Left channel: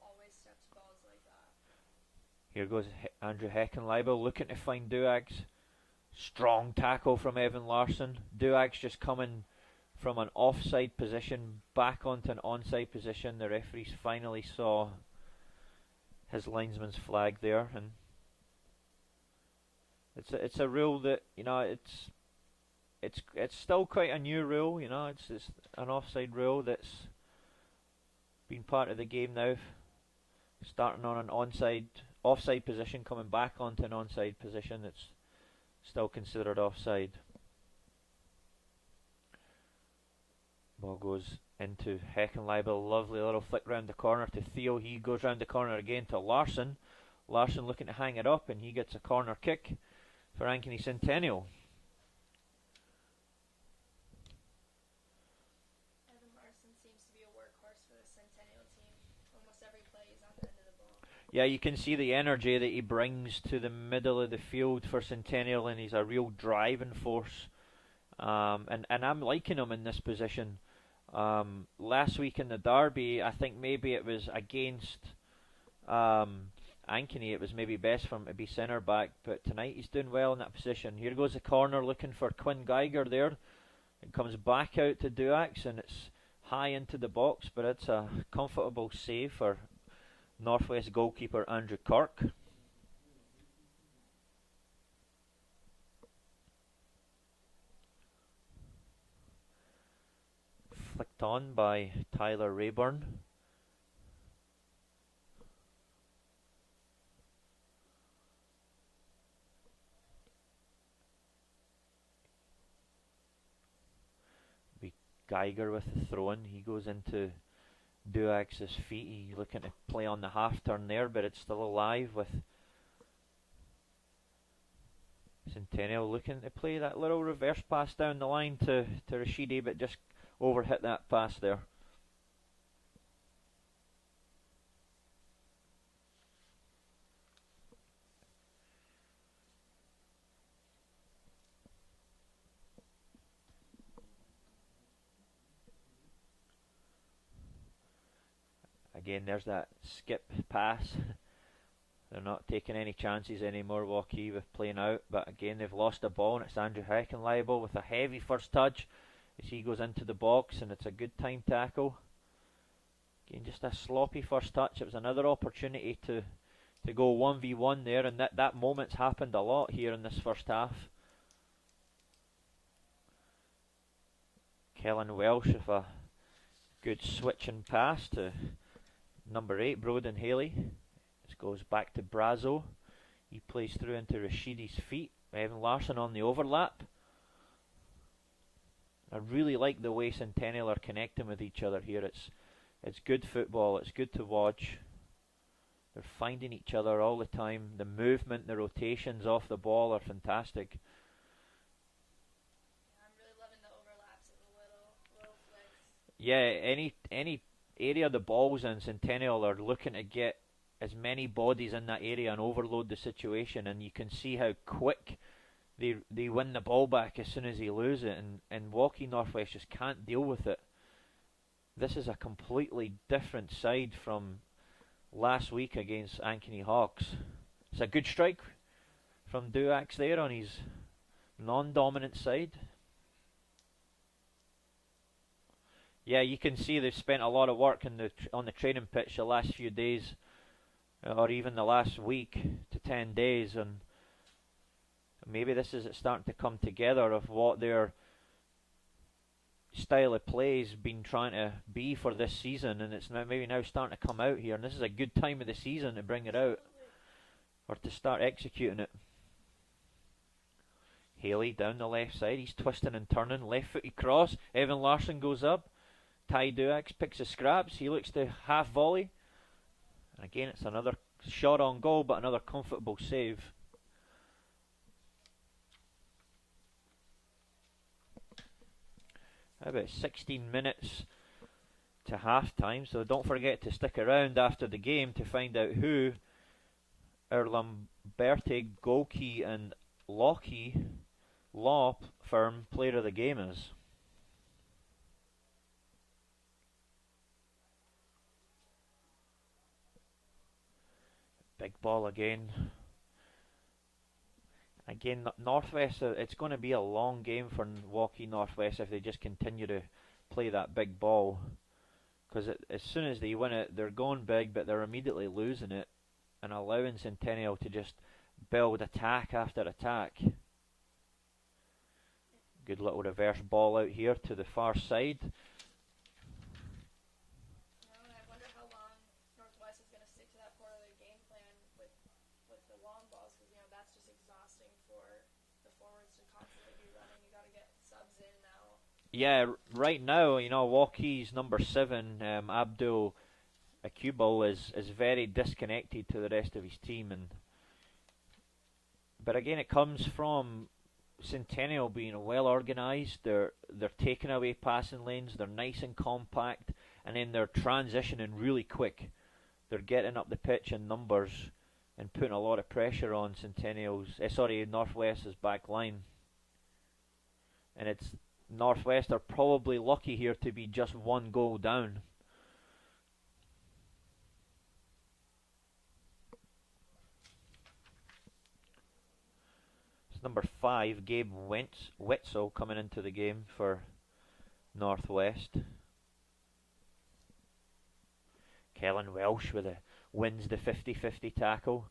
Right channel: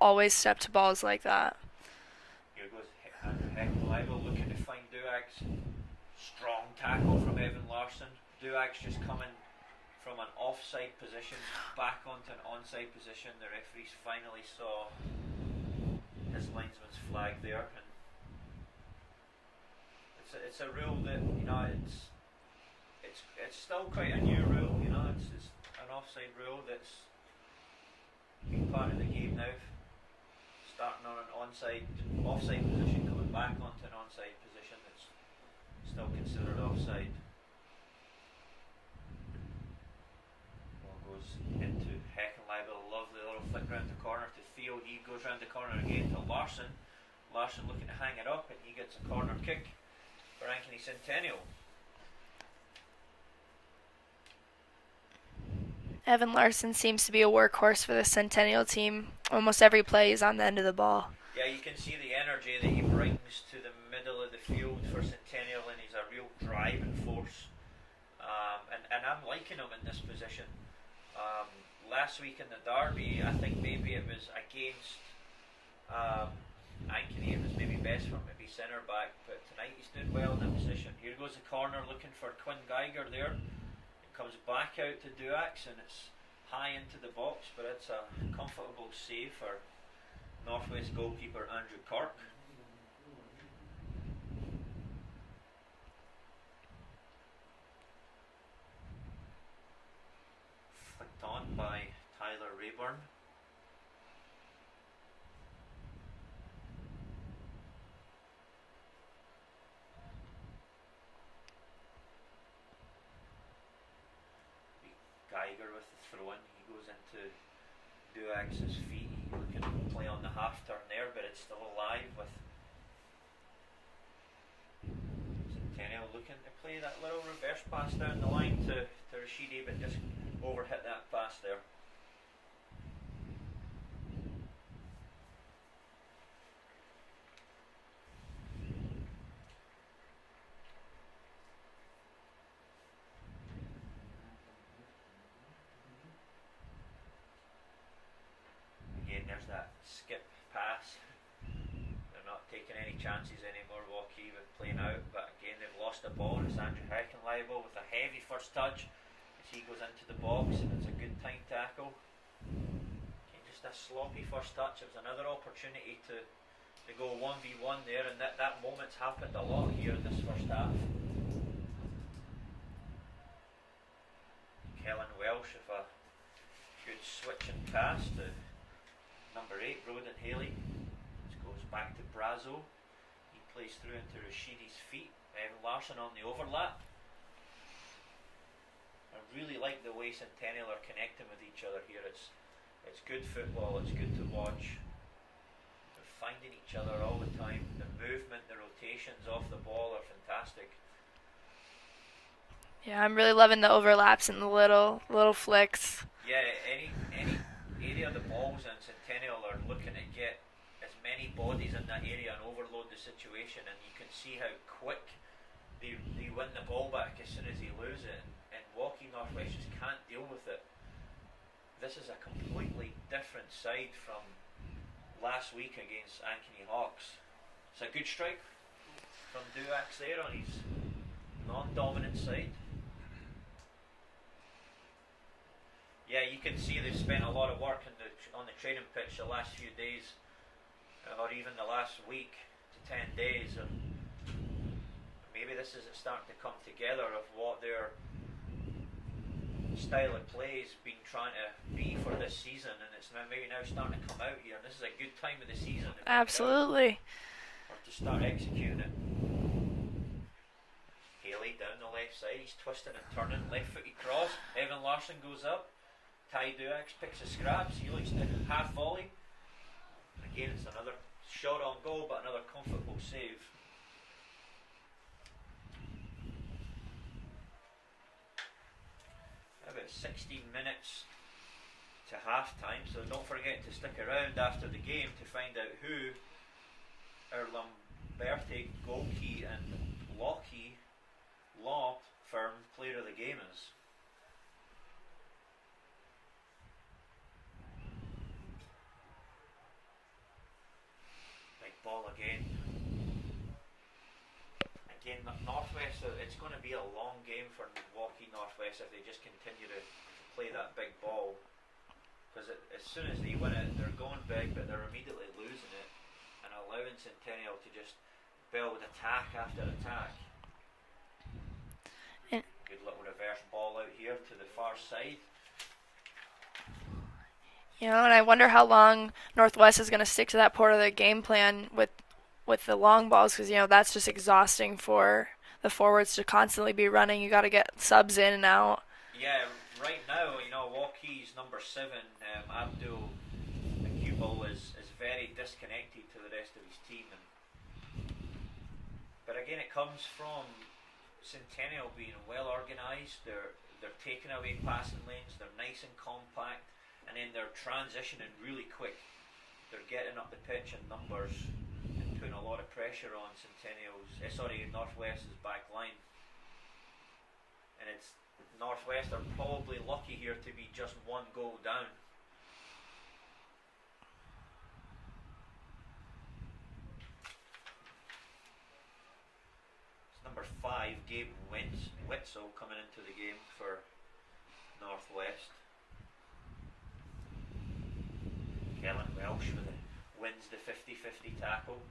always step to balls like that. Here goes Andrew Heckenleibel looking to find Duax. Strong tackle from Evan Larsson. Duax just coming from an offside position back onto an onside position. The referees finally saw his linesman's flag there, and it's a rule that, it's still quite a new rule. It's an offside rule that's been part of the game now. Starting on an offside position, coming back onto an onside position, that's still considered offside. Ball goes into Heckenleibel. Lovely little flick round the corner to Theo. He goes round the corner again to Larsson. Larsson looking to hang it up, and he gets a corner kick for Ankeny Centennial. Evan Larsson seems to be a workhorse for the Centennial team. Almost every play is on the end of the ball. Yeah, you can see the energy that he brings to the middle of the field for Centennial, and he's a real driving force. And I'm liking him in this position. Last week in the derby, I think maybe it was against Ankeny, it was maybe best for him to be centre back, but tonight he's doing well in that position. Here goes the corner looking for Quinn Geiger there. It comes back out to Duax, and it's high into the box, but it's a comfortable save for Northwest goalkeeper Andrew Kirk. Flicked on by Tyler Rayburn. Geiger with the throw in. He goes into Duax's feet. He's looking to play on the half turn there, but it's still alive with Centennial looking to play that little reverse pass down the line to Rashidi, but just overhit that pass there. Again, there's that skip pass. They're not taking any chances anymore, Waukee, with playing out. But again, they've lost the ball, and it's Andrew Heckenleibel with a heavy first touch as he goes into the box, and it's a good time tackle. Again, just a sloppy first touch. It was another opportunity to go 1v1 there, and that moment's happened a lot here in this first half. Kellen Welsh with a good switching pass to number 8, Broden Haley. This goes back to Brazo. He plays through into Rashidi's feet. Evan Larsson on the overlap. I really like the way Centennial are connecting with each other here. It's good football. It's good to watch. They're finding each other all the time. The movement, the rotations off the ball are fantastic. Yeah, I'm really loving the overlaps and the little flicks. Yeah, any area the ball's in, Centennial are looking to get as many bodies in that area and overload the situation, and you can see how quick they win the ball back as soon as they lose it, and Waukee Northwest just can't deal with it. This is a completely different side from last week against Ankeny Hawks. It's a good strike from Duax there on his non-dominant side. Yeah, you can see they've spent a lot of work on the training pitch the last few days, or even the last week to 10 days, and maybe this is it starting to come together of what their style of play has been trying to be for this season, and it's now starting to come out here, and this is a good time of the season to bring Absolutely. it out, or to start executing it. Haley down the left side, he's twisting and turning, left footed cross, Evan Larsson goes up, Ty Duax picks the scraps, he looks to half volley. Again, it's another shot on goal, but another comfortable save. About 16 minutes to half time, so don't forget to stick around after the game to find out who our Lamberti, Waukee and Lockheed law firm player of the game is. ball again. Again, Northwest, it's going to be a long game for Waukee Northwest if they just continue to play that big ball. Because as soon as they win it, they're going big, but they're immediately losing it and allowing Centennial to just build attack after attack. Good little reverse ball out here to the far side. You know, and I wonder how long Northwest is going to stick to that part of their game plan with the long balls, because you know that's just exhausting for the forwards to constantly be running. You got to get subs in and out. Yeah, right now, you know, Waukee's number 7, Abdul Akubal, is very disconnected to the rest of his team, but again, it comes from Centennial being well organised. They're taking away passing lanes. They're nice and compact, and then they're transitioning really quick. They're getting up the pitch in numbers and putting a lot of pressure on Northwest's back line. And it's Northwest are probably lucky here to be just one goal down. It's number 5, Gabe Wetzel, coming into the game for Northwest. Kellen Welsh wins the 50-50 tackle,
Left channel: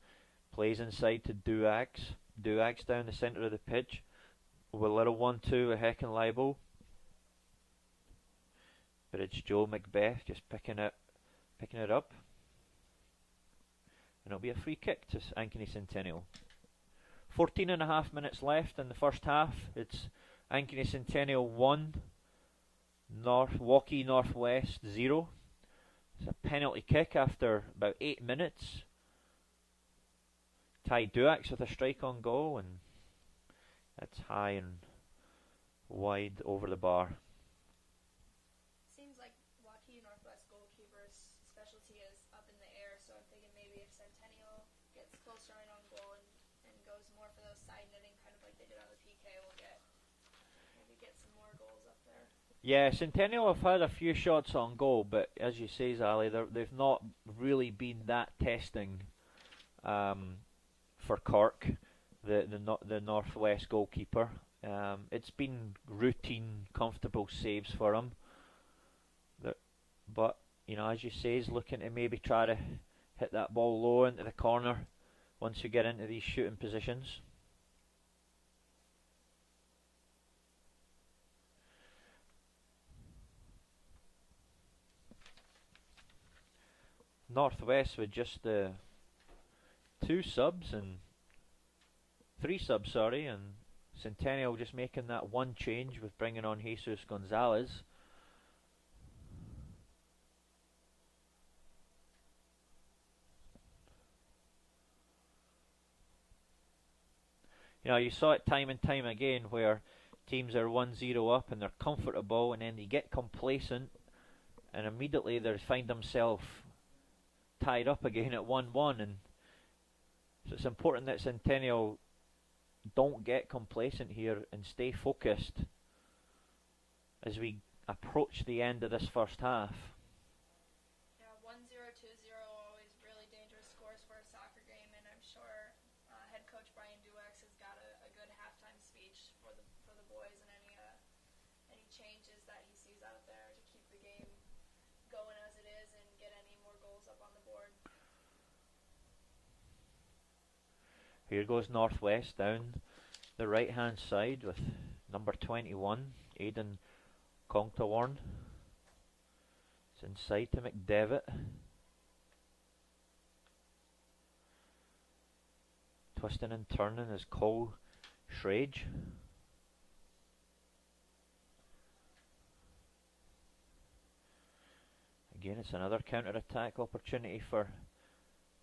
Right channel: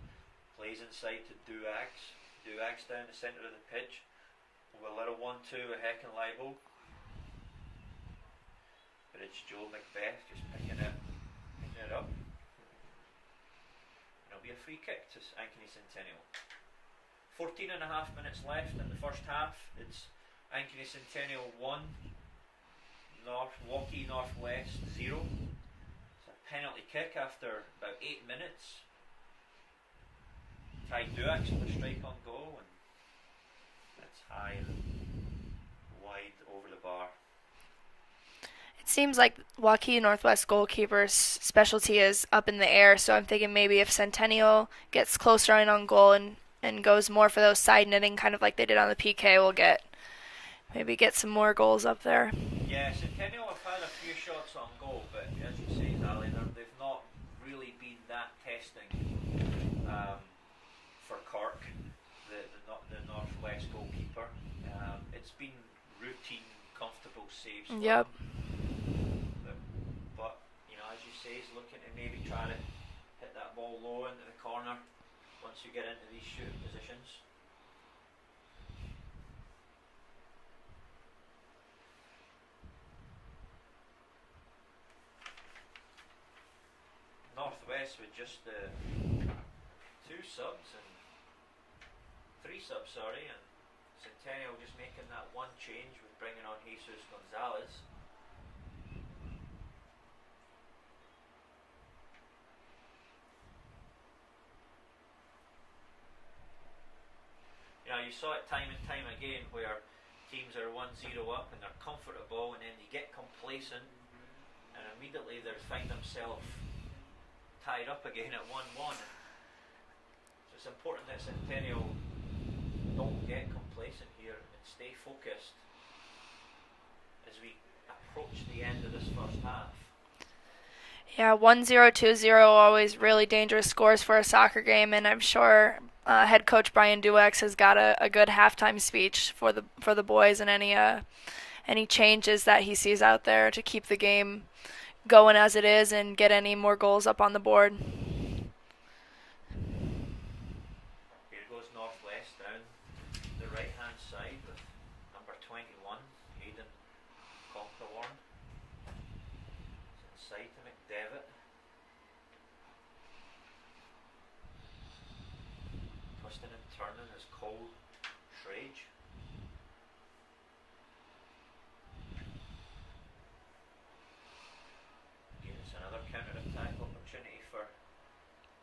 plays inside to Duax. Duax down the centre of the pitch with a little 1-2 with Heckenleibel. But it's Joe Macbeth just picking it up. And it'll be a free kick to Ankeny Centennial. 14.5 minutes left in the first half. It's Ankeny Centennial 1, Waukee Northwest 0. It's a penalty kick after about 8 minutes. Ty Duax with a strike on goal, and that's high and wide over the bar. It seems like Waukee Northwest goalkeeper's specialty is up in the air, so I'm thinking maybe if Centennial gets closer in on goal and goes more for those side netting, kind of like they did on the PK, we'll get some more goals up there. Yeah, Centennial have had a few shots on goal, but as you say, Zali, they've not really been that testing for Cork, the Northwest goalkeeper. It's been routine, comfortable saves for them. But you know, as you say, he's looking to maybe try to hit that ball low into the corner once you get into these shooting positions. Northwest with just 3 subs, and Centennial just making that one change with bringing on Jesus Gonzalez. You know, you saw it time and time again where teams are 1-0 up and they're comfortable, and then they get complacent and immediately they find themselves tied up again at 1-1, and so it's important that Centennial don't get complacent here and stay focused as we approach the end of this first half. Yeah, 1-0, 2-0, always really dangerous scores for a soccer game, and I'm sure head coach Brian Duex has got a good halftime speech for the boys, and any changes that he sees out there to keep the game going as it is and get any more goals up on the board. Here goes Northwest down the right hand side with number 21, Aidan Contawarn. It's inside to McDevitt. Twisting and turning is Cole Shrage. Again, it's another counter-attack opportunity for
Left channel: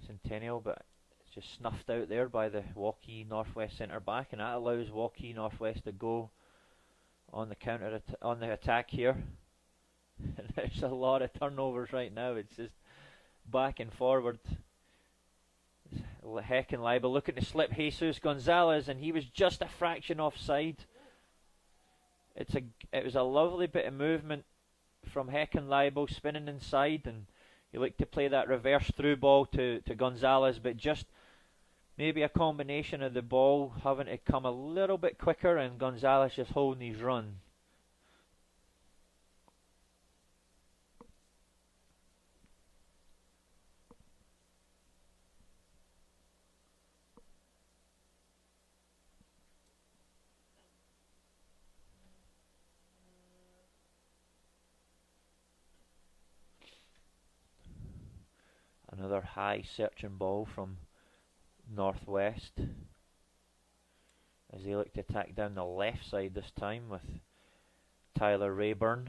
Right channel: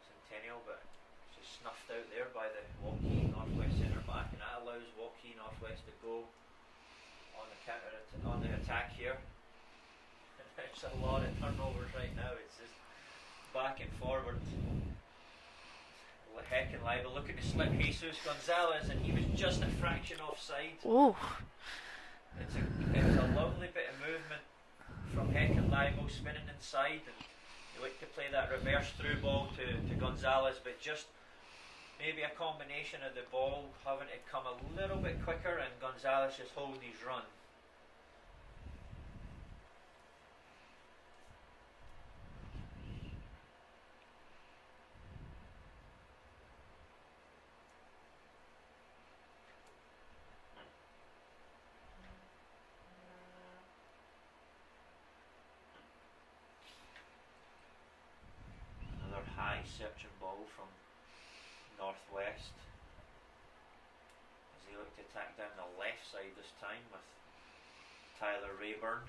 Centennial, but it's just snuffed out there by the Waukee Northwest centre back, and that allows Waukee Northwest to go on the attack here. There's a lot of turnovers right now. It's just back and forward. Heckenleibel looking to slip Jesus Gonzalez, and he was just a fraction offside. Ooh. It was a lovely bit of movement from Heckenleibel, spinning inside and They like to play that reverse through ball to Gonzalez, but just maybe a combination of the ball having to come a little bit quicker and Gonzalez just holding his run. Another high searching ball from Northwest as they look to attack down the left side this time with Tyler Rayburn.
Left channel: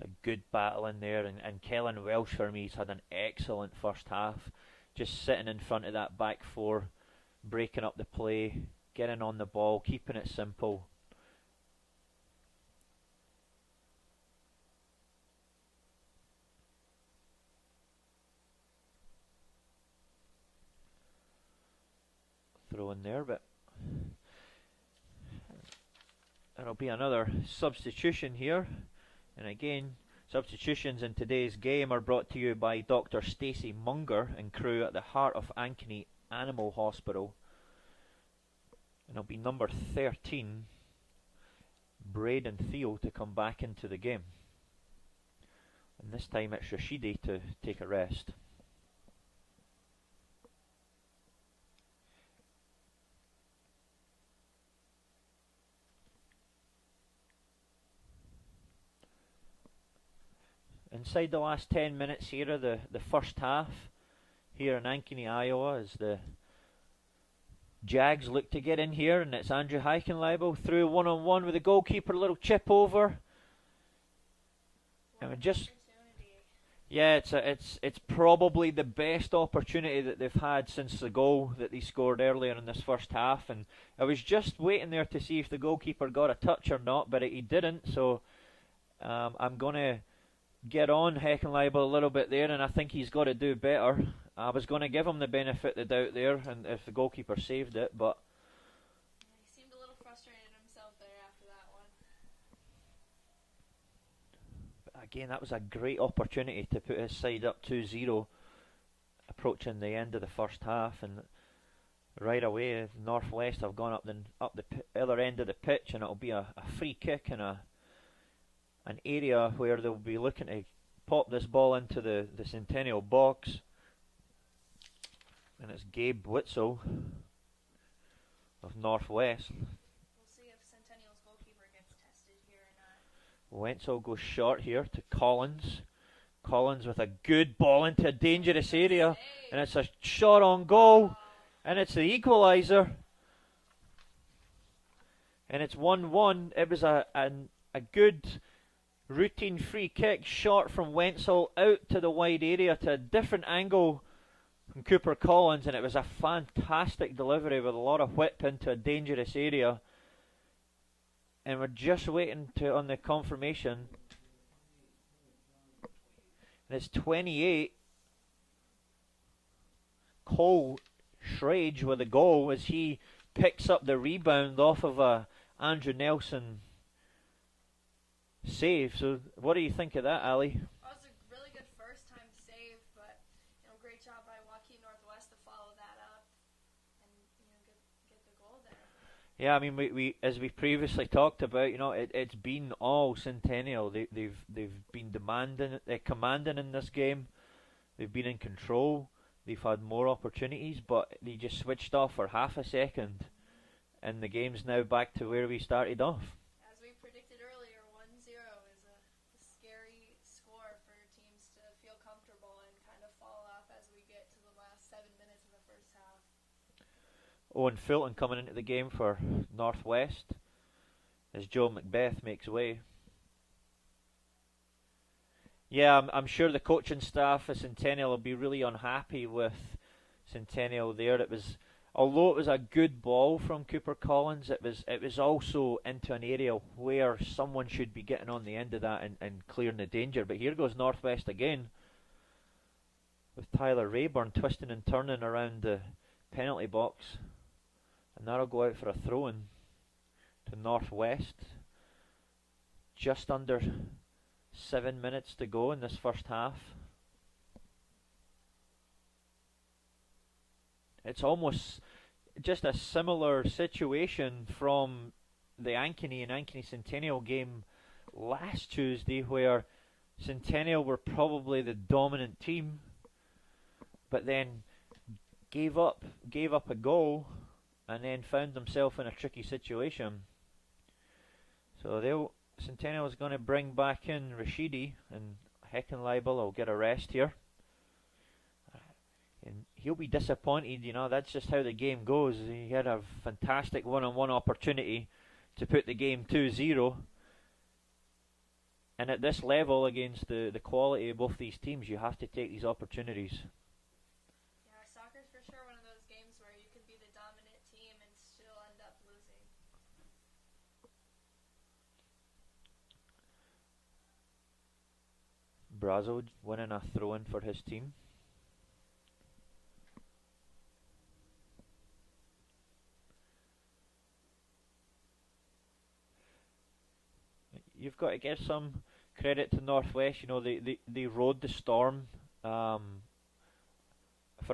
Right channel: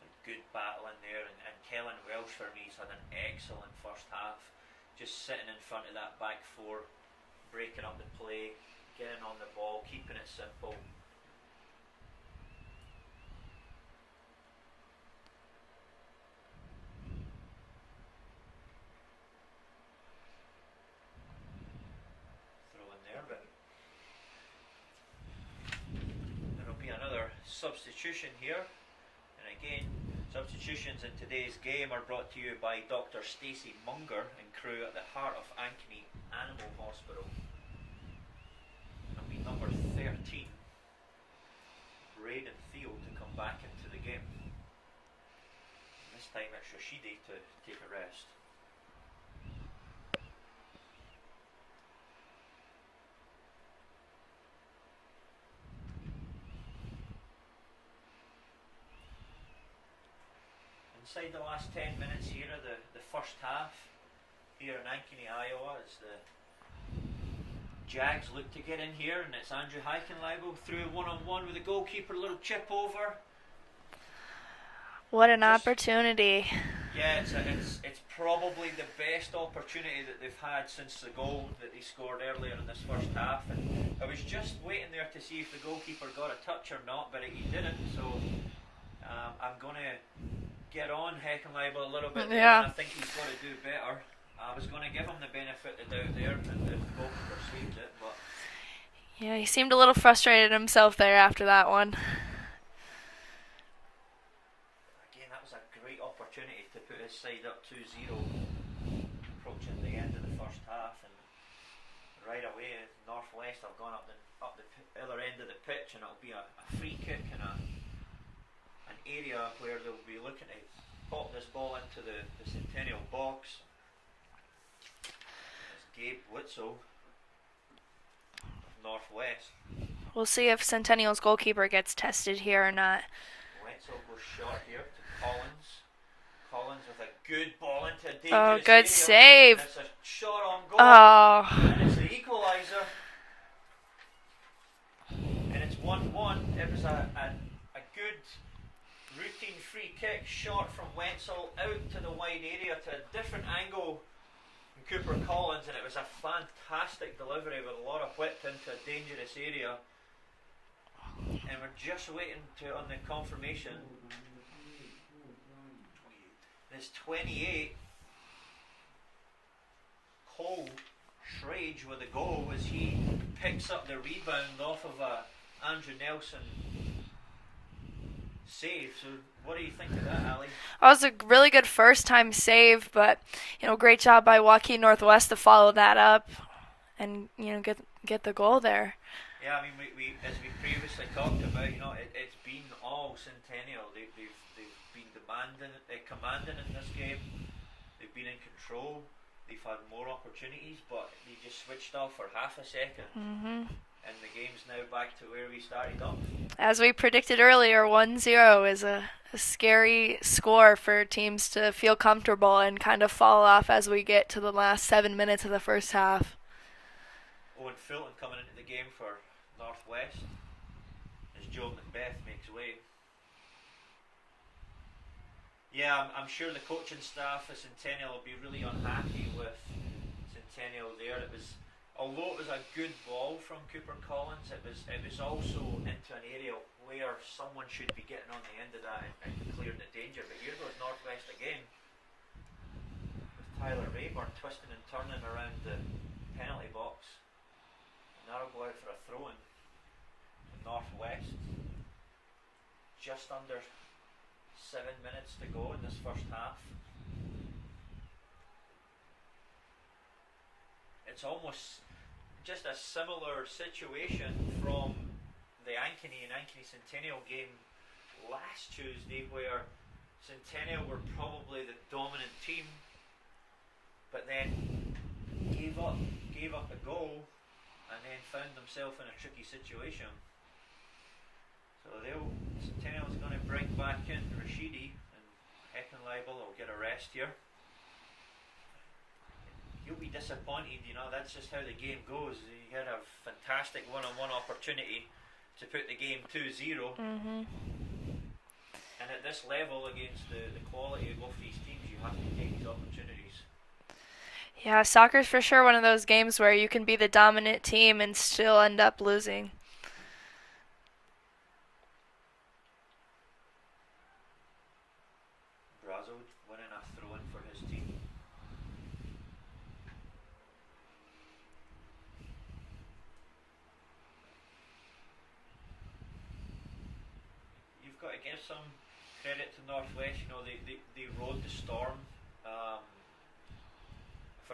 It's a good battle in there, and Kellen Welsh for me has had an excellent first half, just sitting in front of that back four, breaking up the play, getting on the ball, keeping it simple. Throw in there, but there'll be another substitution here. And again, substitutions in today's game are brought to you by Dr. Stacey Munger and crew at the heart of Ankeny Animal Hospital. It'll be number 13, Braden Thiel, to come back into the game. And this time it's Rashidi to take a rest. Inside the last 10 minutes here of the first half here in Ankeny, Iowa, as the Jags look to get in here, and it's Andrew Heichenleibel through one-on-one with the goalkeeper, a little chip over. What an opportunity. Yeah, it's probably the best opportunity that they've had since the goal that they scored earlier in this first half, and I was just waiting there to see if the goalkeeper got a touch or not, but he didn't, so I'm going to get on Heckenleibel a little bit there, and I think he's got to do better. I was going to give him the benefit of the doubt there, and if the goalkeeper saved it, but yeah, he seemed a little frustrated himself there after that one. Again, that was a great opportunity to put his side up 2-0, approaching the end of the first half, and right away Northwest have gone up the other end of the pitch, and it'll be a free kick and an area where they'll be looking to pop this ball into the Centennial box. And it's Gabe Witzel of Northwest. We'll see if Centennial's goalkeeper gets tested here or not. Witzel goes short here to Collins. Collins with a good ball into a dangerous good area. Save. And it's a shot on goal. Oh. And it's the equaliser. And it's 1-1. It was a good routine free kick, shot from Wenzel out to the wide area to a different angle from Cooper Collins, and it was a fantastic delivery with a lot of whip into a dangerous area. And we're just waiting on the confirmation. And it's 28. Cole Schrage with a goal as he picks up the rebound off of a Andrew Nelson save. So what do you think of that, Ali? That was a really good first time save, but great job by Waukee Northwest to follow that up and get the goal there. Yeah, I mean we as we previously talked about, it's been all Centennial. They've been commanding in this game. They've been in control. They've had more opportunities, but they just switched off for half a second. Mm-hmm. And the game's now back to where we started off. As we predicted earlier, 1-0 is a scary score for teams to feel comfortable and kind of fall off as we get to the last 7 minutes of the first half. Owen Fulton coming into the game for Northwest as Joe Macbeth makes way. Yeah, I'm sure the coaching staff of Centennial will be really unhappy with Centennial there. Although it was a good ball from Cooper Collins, it was also into an area where someone should be getting on the end of that and clearing the danger. But here goes Northwest again with Tyler Rayburn twisting and turning around the penalty box. And that'll go out for a throw-in to Northwest. just under 7 minutes to go in this first half. It's almost just a similar situation from the Ankeny and Ankeny Centennial game last Tuesday, where Centennial were probably the dominant team, but then gave up a goal, and then found themselves in a tricky situation. So Centennial is going to bring back in Rashidi, and Heckenleibel will get a rest here. And he'll be disappointed, that's just how the game goes. He had a fantastic one-on-one opportunity to put the game 2-0. Mm-hmm. And at this level, against the quality of both these teams, you have to take these opportunities. Yeah, soccer's for sure one of those games where you can be the dominant team and still end up losing. Brazo winning a throw-in for his team. You've got to give some credit to Northwest. They rode the storm for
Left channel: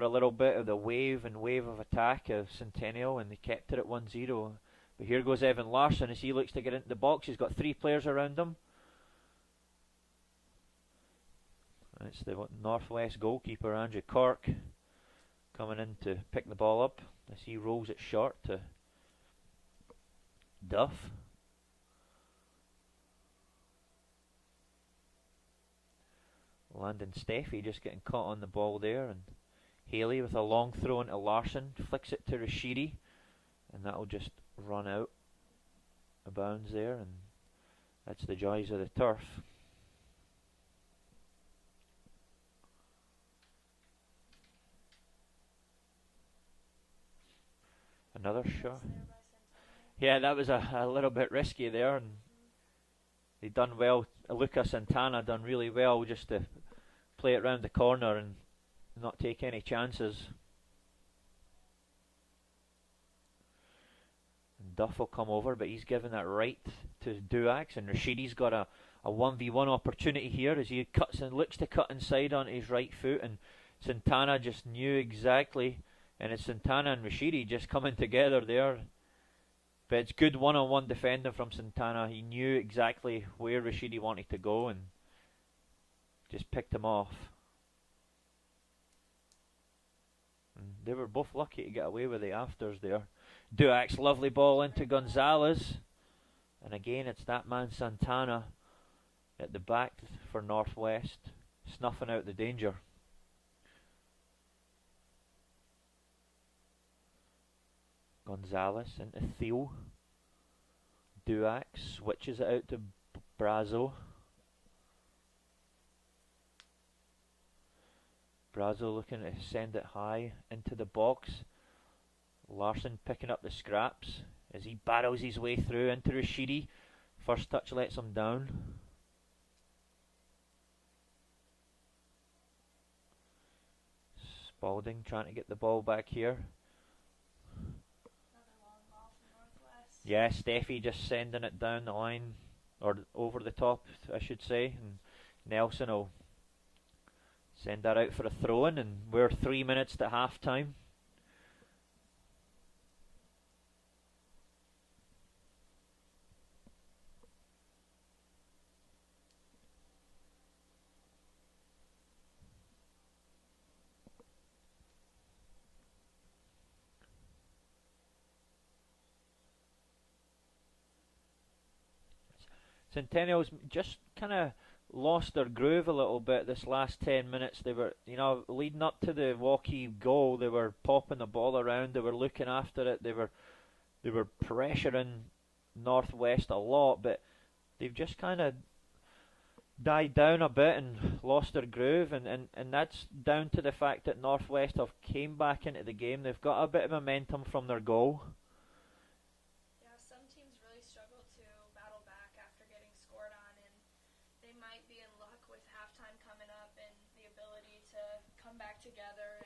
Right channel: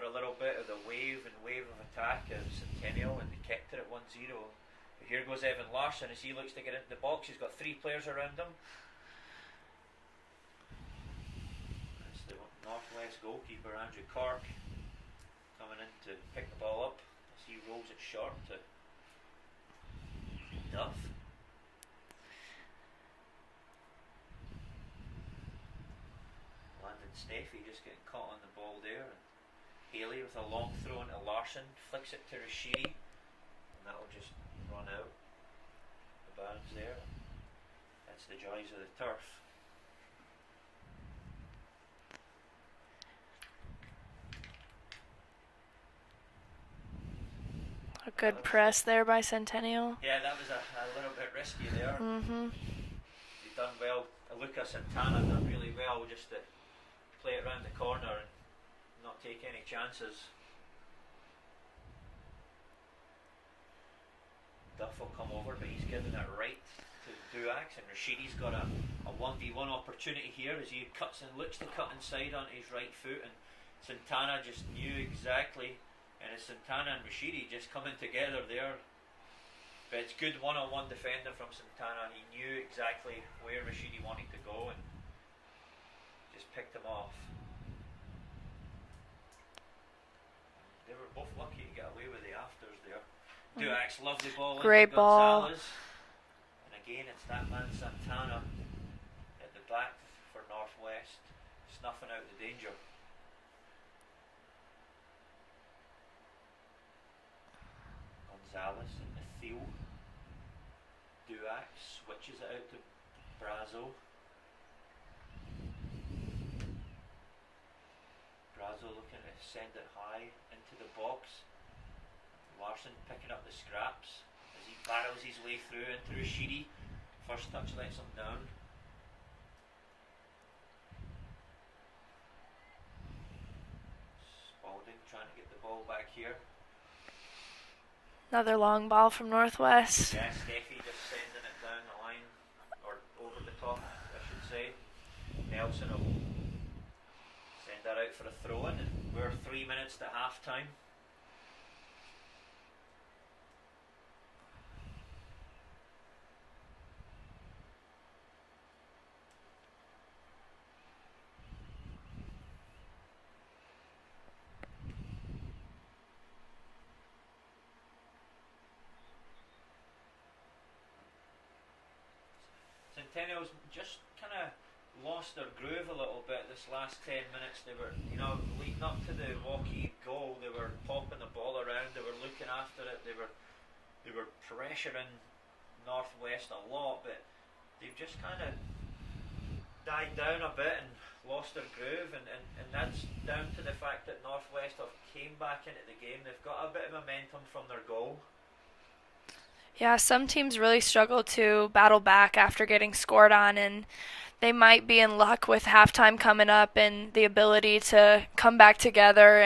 a little bit of the wave of attack of Centennial, and they kept it at 1-0. But here goes Evan Larson as he looks to get into the box. He's got 3 players around him. That's the Northwest goalkeeper, Andrew Cork, coming in to pick the ball up as he rolls it short to Duff. Landon Steffi just getting caught on the ball there, and Haley with a long throw into Larson, flicks it to Rashidi, and that'll just run out of bounds there, and that's the joys of the turf. A good press there by Centennial. Yeah, that was a little bit risky there. Mm-hmm. They done well. Lucas Santana done really well just to play it round the corner and not take any chances. Duff will come over, but he's given it right to Duax, and Rashidi's got a 1v1 opportunity here as he cuts and looks to cut inside on his right foot, and Santana just knew exactly, and it's Santana and Rashidi just coming together there. But it's good one-on-one defending from Santana. He knew exactly where Rashidi wanted to go and just picked him off. And they were both lucky to get away with the afters there. Duax, lovely ball Great into ball. Gonzalez. And again, it's that man Santana at the back for Northwest, snuffing out the danger. Gonzalez into Theo. Duax switches it out to Brazo. Brazo looking to send it high into the box. Larson picking up the scraps as he barrels his way through into Rashidi. First touch lets him down. Spalding trying to get the ball back here. Another long ball from Northwest. Yeah, Steffi just sending it down the line, or over the top, I should say. And Nelson will send that out for a throw-in, and we're 3 minutes to half-time. Centennial's just kind of lost their groove a little bit this last 10 minutes. They were, leading up to the Waukee goal, they were popping the ball around, they were looking after it, they were pressuring Northwest a lot, but they've just kind of died down a bit and lost their groove, and that's down to the fact that Northwest have came back into the game. They've got a bit of momentum from their goal. Yeah, some teams really struggle to battle back after getting scored on, and they might be in luck with halftime coming up and the ability to come back together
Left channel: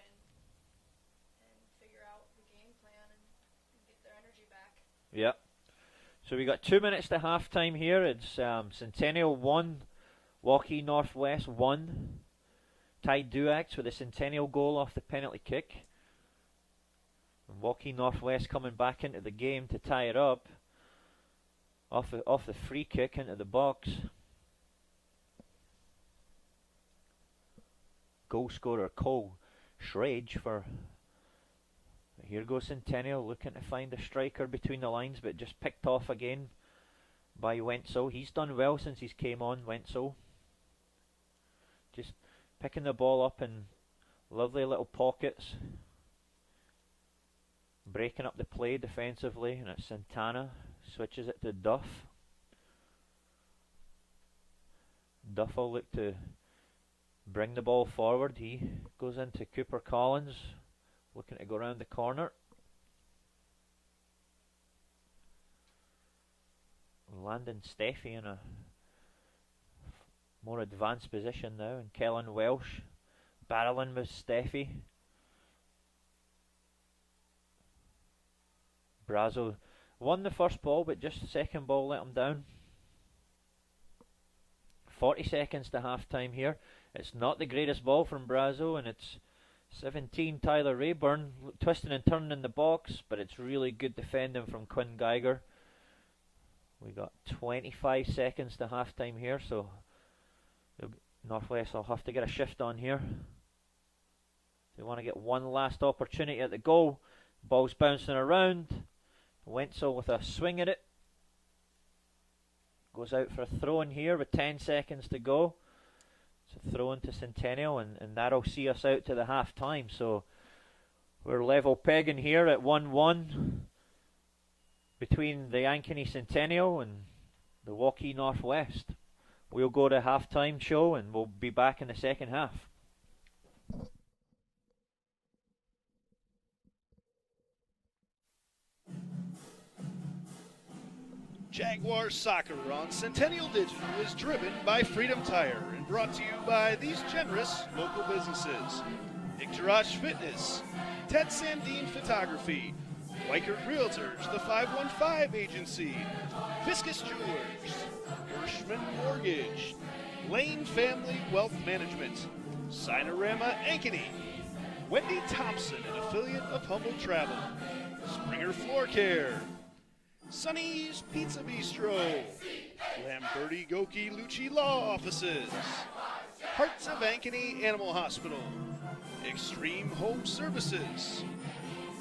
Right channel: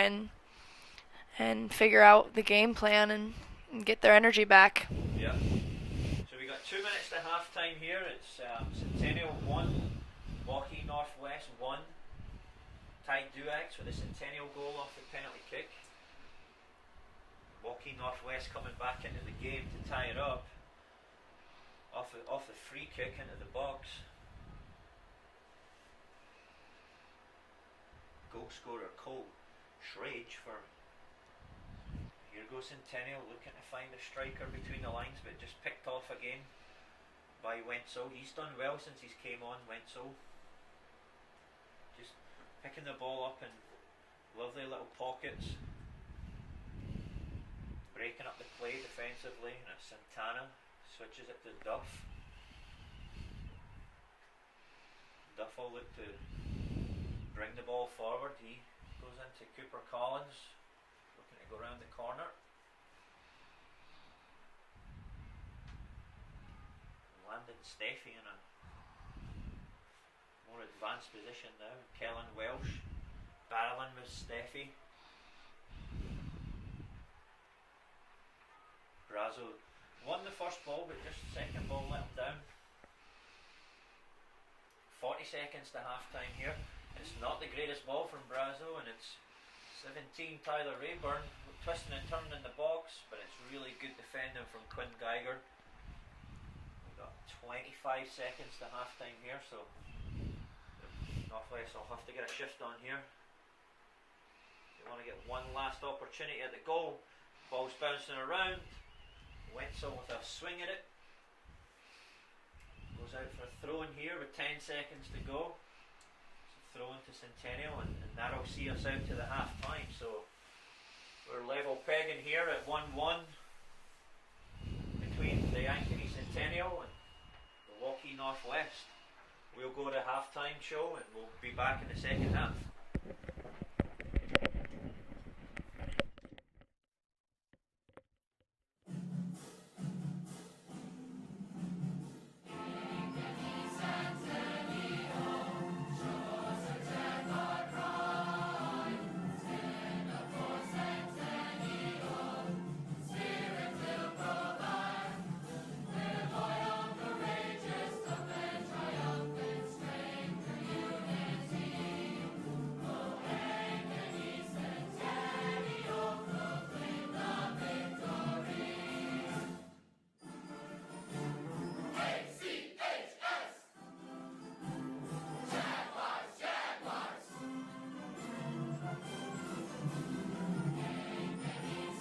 and figure out the game plan and get their energy back. Yeah. So we got 2 minutes to half time here. It's Centennial 1, Waukee Northwest 1. Ty Duax with a Centennial goal off the penalty kick. And Waukee Northwest coming back into the game to tie it up. Off the free kick into the box. Goal scorer Cole Schrage for. Here goes Centennial looking to find a striker between the lines, but just picked off again by Wenzel. He's done well since he's came on, Wenzel. Just picking the ball up in lovely little pockets. Breaking up the play defensively, and it's Santana. Switches it to Duff. Duff will look to bring the ball forward. He goes into Cooper Collins, looking to go around the corner. Landon Steffi in a more advanced position now, and Kellen Welsh barreling with Steffi. Brazo won the first ball, but just the second ball let him down. 40 seconds to half time here. It's not the greatest ball from Brazo, and it's 17 Tyler Rayburn twisting and turning in the box, but it's really good defending from Quinn Geiger. We got 25 seconds to half time here, so the Northwest will have to get a shift on here. They want to get one last opportunity at the goal. Ball's bouncing around. Wenzel with a swing at it. Goes out for a throw in here with 10 seconds to go. It's a throw into Centennial, and that'll see us out to the half time. So we're level pegging here at 1-1 between the Ankeny Centennial and the Waukee Northwest. We'll go to half time show, and we'll be back in the second half. Jaguar Soccer on Centennial Digital is driven by Freedom Tire and brought to you by these generous local businesses: Ictorosh Fitness, Ted Sandine Photography, White Realtors, the 515 Agency, Fiscus Jewelers, Bushman Mortgage, Lane Family Wealth Management, Sinorama Ankeny, Wendy Thompson, an affiliate of Humble Travel, Springer Floor Care, Sonny's Pizza Bistro, Lamberti Goki Lucci Law Offices, Hearts of Ankeny Animal Hospital, Extreme Home Services,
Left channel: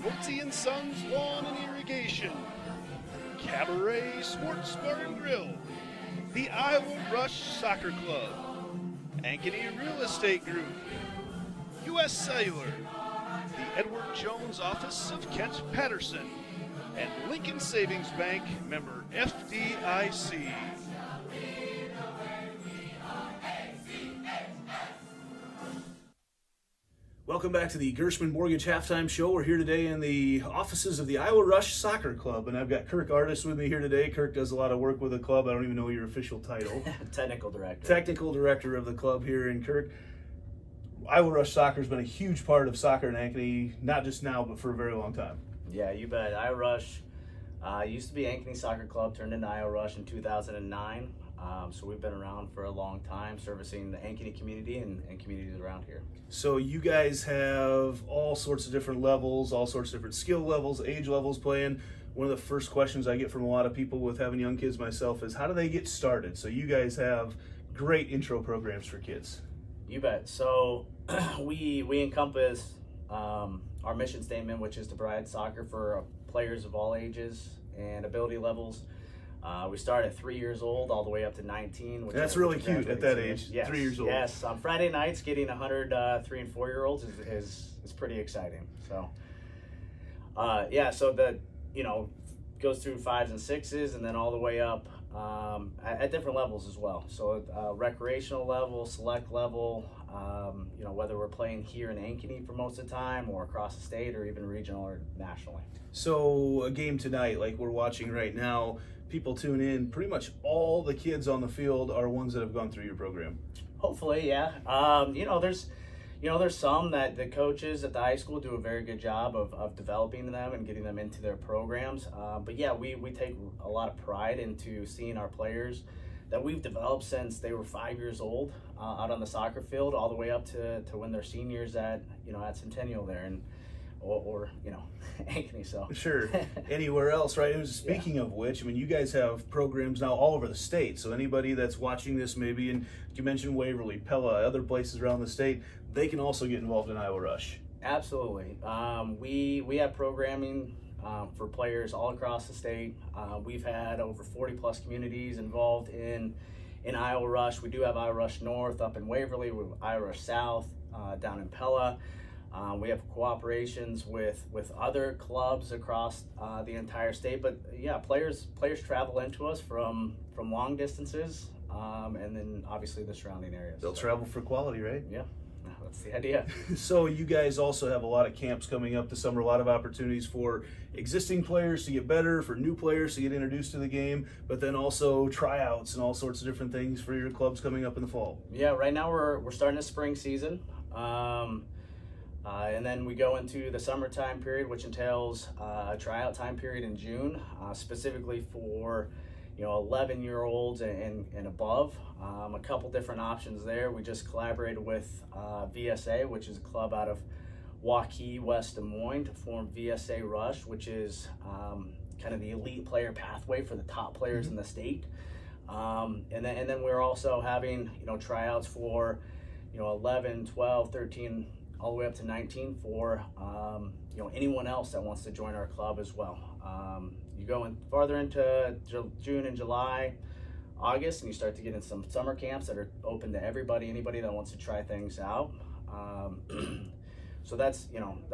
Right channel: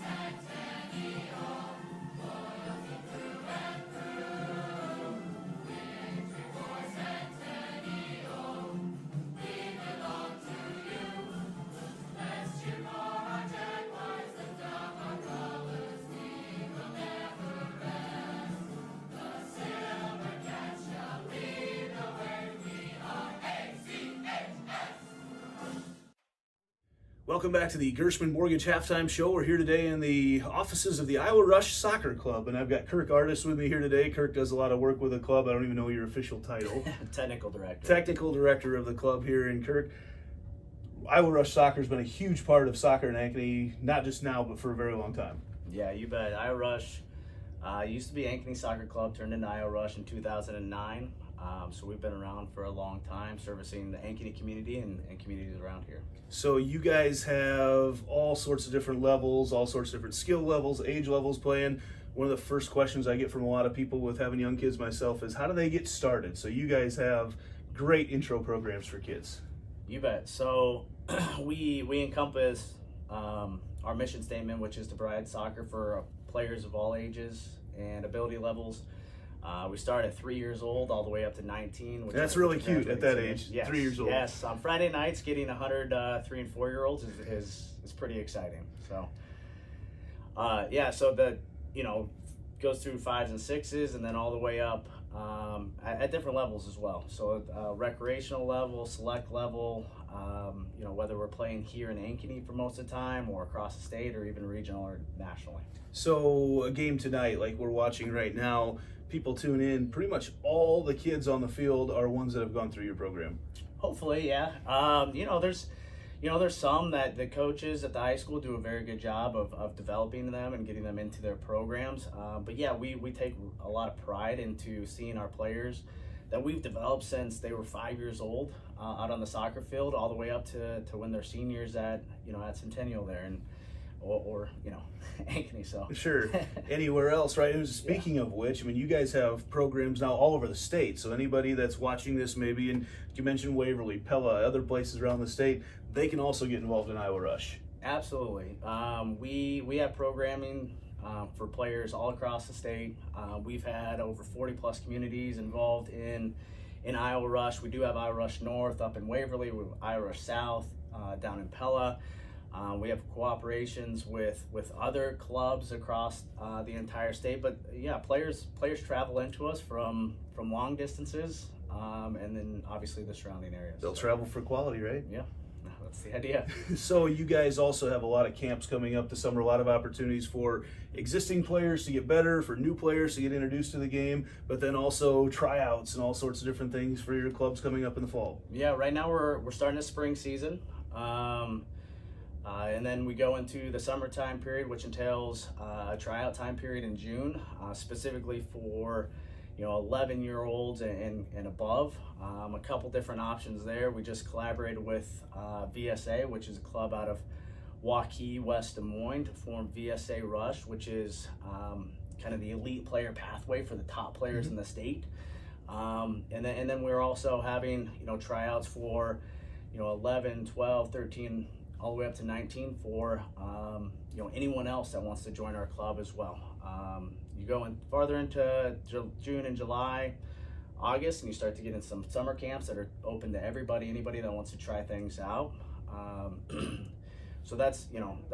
Woodsy & Sons Lawn and Irrigation, Cabaret Sports Bar and Grill, the Iowa Rush Soccer Club, Ankeny Real Estate Group, U.S. Cellular, Edward Jones Office of Kent Patterson, and Lincoln Savings Bank, member FDIC. Welcome back to the Gershman Mortgage Halftime Show. We're here today in the offices of the Iowa Rush Soccer Club, and I've got Kirk Artis with me here today. Kirk does a lot of work with the club. I don't even know your official title. Technical director. Technical director of the club here in Kirk. Iowa Rush Soccer has been a huge part of soccer in Ankeny, not just now, but for a very long time. Yeah, you bet. Iowa Rush used to be Ankeny Soccer Club, turned into Iowa Rush in 2009. So we've been around for a long time, servicing the Ankeny community and communities around here. So you guys have all sorts of different levels, all sorts of different skill levels, age levels playing. One of the first questions I get from a lot of people with having young kids myself is, how do they get started? So you guys have great intro programs for kids. You bet. So we encompass our mission statement, which is to provide soccer for players of all ages and ability levels. We start at 3 years old all the way up to 19. That's really cute at that age, yes, 3 years old. Yes, on Friday nights, getting 100 3 and 4 year olds is pretty exciting. So, so the goes through 5s and 6s, and then all the way up at different levels as well. So recreational level, select level. Whether we're playing here in Ankeny for most of the time, or across the state, or even regional or nationally. So a game tonight, like we're watching right now, people tune in. Pretty much all the kids on the field are ones that have gone through your program. Hopefully, yeah. There's some that the coaches at the high school do a very good job of developing them and getting them into their programs. But yeah, we take a lot of pride into seeing our players that we've developed since they were 5 years old out on the soccer field, all the way up to when they're seniors at Centennial there, and or Ankeny. So Sure. Anywhere else, right? And speaking of which, I mean, you guys have programs now all over the state. So anybody that's watching this, maybe, and you mentioned Waverly, Pella, other places around the state, they can also get involved in Iowa Rush. Absolutely. We have programming for players all across the state. We've had over 40 plus communities involved in Iowa Rush. We do have Iowa Rush North up in Waverly. We have Iowa Rush South down in Pella. We have cooperations with other clubs across the entire state. But yeah, players travel into us from long distances, and then obviously the surrounding areas. They'll travel for quality, right? Yeah. That's the idea. So you guys also have a lot of camps coming up this summer, a lot of opportunities for existing players to get better, for new players to get introduced to the game, but then also tryouts and all sorts of different things for your clubs coming up in the fall. Yeah, right now we're starting a spring season. And then we go into the summertime period, which entails a tryout time period in June, specifically for 11-year-olds and above. A couple different options there. We just collaborated with VSA, which is a club out of Waukee, West Des Moines, to form VSA Rush, which is kind of the elite player pathway for the top players in the state. And then we're also having tryouts for 11, 12, 13, all the way up to 19 for anyone else that wants to join our club as well. You go in farther into June and July, August, and you start to get in some summer camps that are open to anybody that wants to try things out. So that's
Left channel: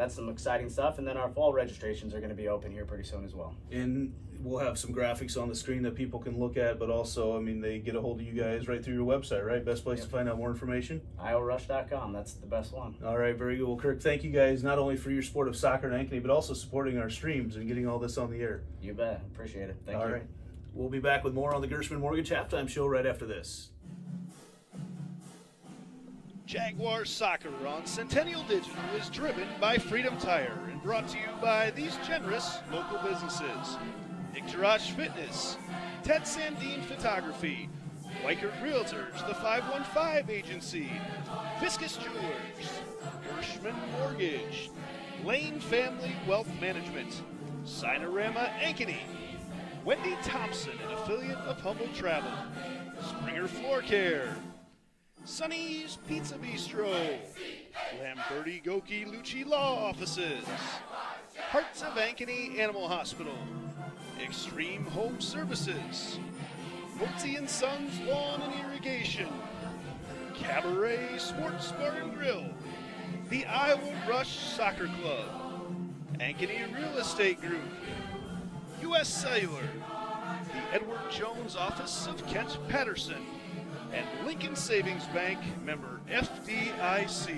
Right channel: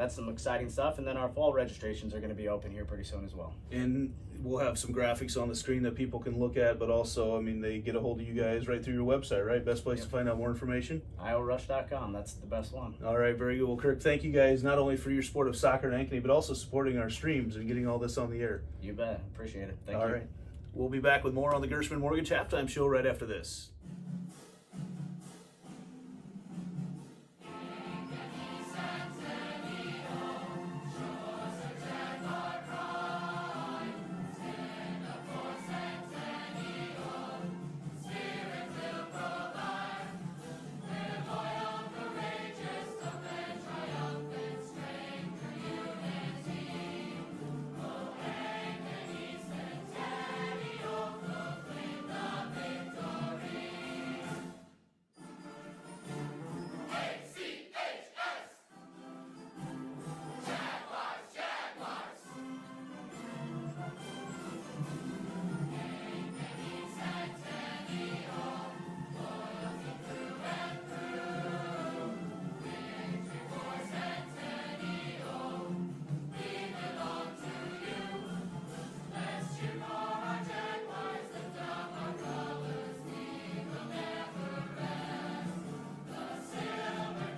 some exciting stuff. And then our fall registrations are going to be open here pretty soon as well. And we'll have some graphics on the screen that people can look at, but also, I mean, they get a hold of you guys right through your website, right? Best place to find out more information? IoWaRush.com. That's the best one. All right, very good. Well, Kirk, thank you guys not only for your support of soccer in Ankeny, but also supporting our streams and getting all this on the air. You bet. Appreciate it. Thank you. All right. We'll be back with more on the Gershman Mortgage Halftime Show right after this. Jaguar Soccer on Centennial Digital is driven by Freedom Tire and brought to you by these generous local businesses. Garage Fitness, Ted Sandine Photography, White Earth Realtors, the 515 Agency, Fiscus Jewelers, Gershman Mortgage, Lane Family Wealth Management, Sinorama Ankeny, Wendy Thompson, an affiliate of Humble Travel, Springer Floor Care, Sonny's Pizza Bistro, Lamberti Goki Lucci Law Offices, Hearts of Ankeny Animal Hospital, Extreme Home Services, Holtzy & Sons Lawn and Irrigation, Cabaret Sports Bar and Grill, the Iowa Rush Soccer Club, Ankeny Real Estate Group, U.S. Cellular, Edward Jones Office of Kent Patterson, and Lincoln Savings Bank, member FDIC.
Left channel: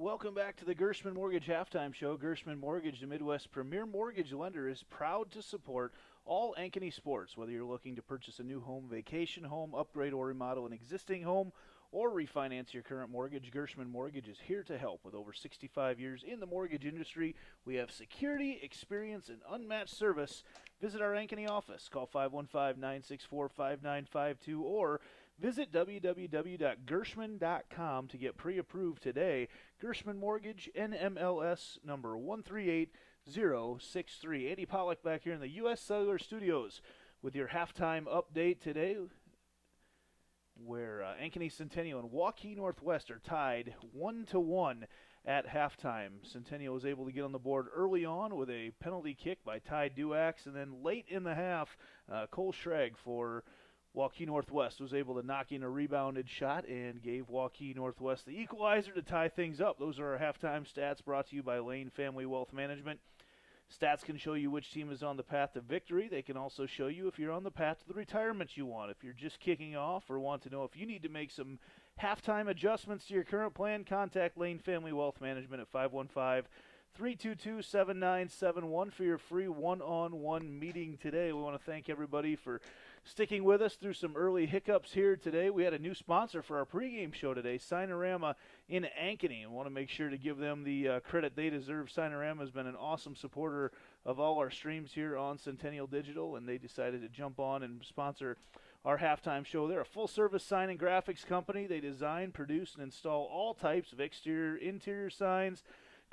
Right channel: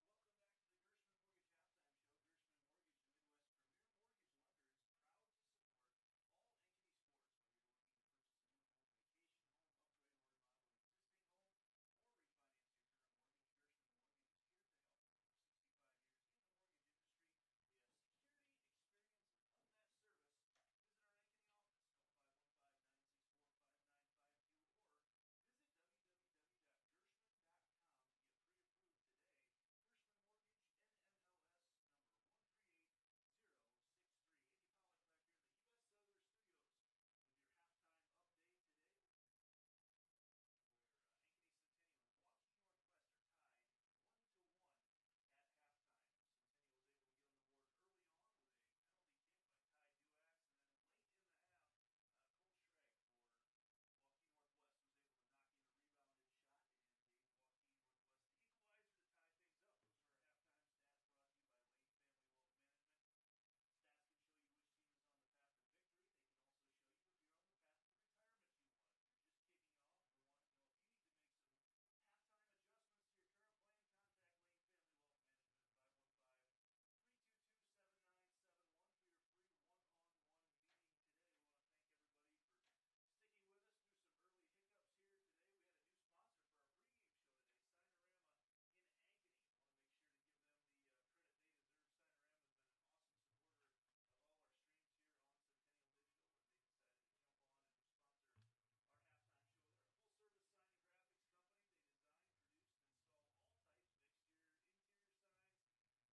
Welcome back to the Gershman Mortgage Halftime Show. Gershman Mortgage, the Midwest premier mortgage lender, is proud to support all Ankeny sports. Whether you're looking to purchase a new home, vacation home, upgrade or remodel an existing home, or refinance your current mortgage, Gershman Mortgage is here to help. With over 65 years in the mortgage industry, we have security, experience, and unmatched service. Visit our Ankeny office. Call 515-964-5952 or visit www.gershman.com to get pre-approved today. Gershman Mortgage, NMLS number 138063. Andy Pollack back here in the U.S. Cellular Studios with your halftime update today, where Ankeny Centennial and Waukee Northwest are tied 1-1 at halftime. Centennial was able to get on the board early on with a penalty kick by Ty Duax, and then late in the half, Cole Schrag for Waukee Northwest was able to knock in a rebounded shot and gave Waukee Northwest the equalizer to tie things up. Those are our halftime stats brought to you by Lane Family Wealth Management. Stats can show you which team is on the path to victory. They can also show you if you're on the path to the retirement you want. If you're just kicking off or want to know if you need to make some halftime adjustments to your current plan, contact Lane Family Wealth Management at 322-7971 for your free one-on-one meeting today. We want to thank everybody for sticking with us through some early hiccups here today. We had a new sponsor for our pregame show today, Cinerama in Ankeny. I want to make sure to give them the credit they deserve. Cinerama has been an awesome supporter of all our streams here on Centennial Digital, and they decided to jump on and sponsor our halftime show. They're a full-service sign and graphics company. They design, produce, and install all types of exterior, interior signs,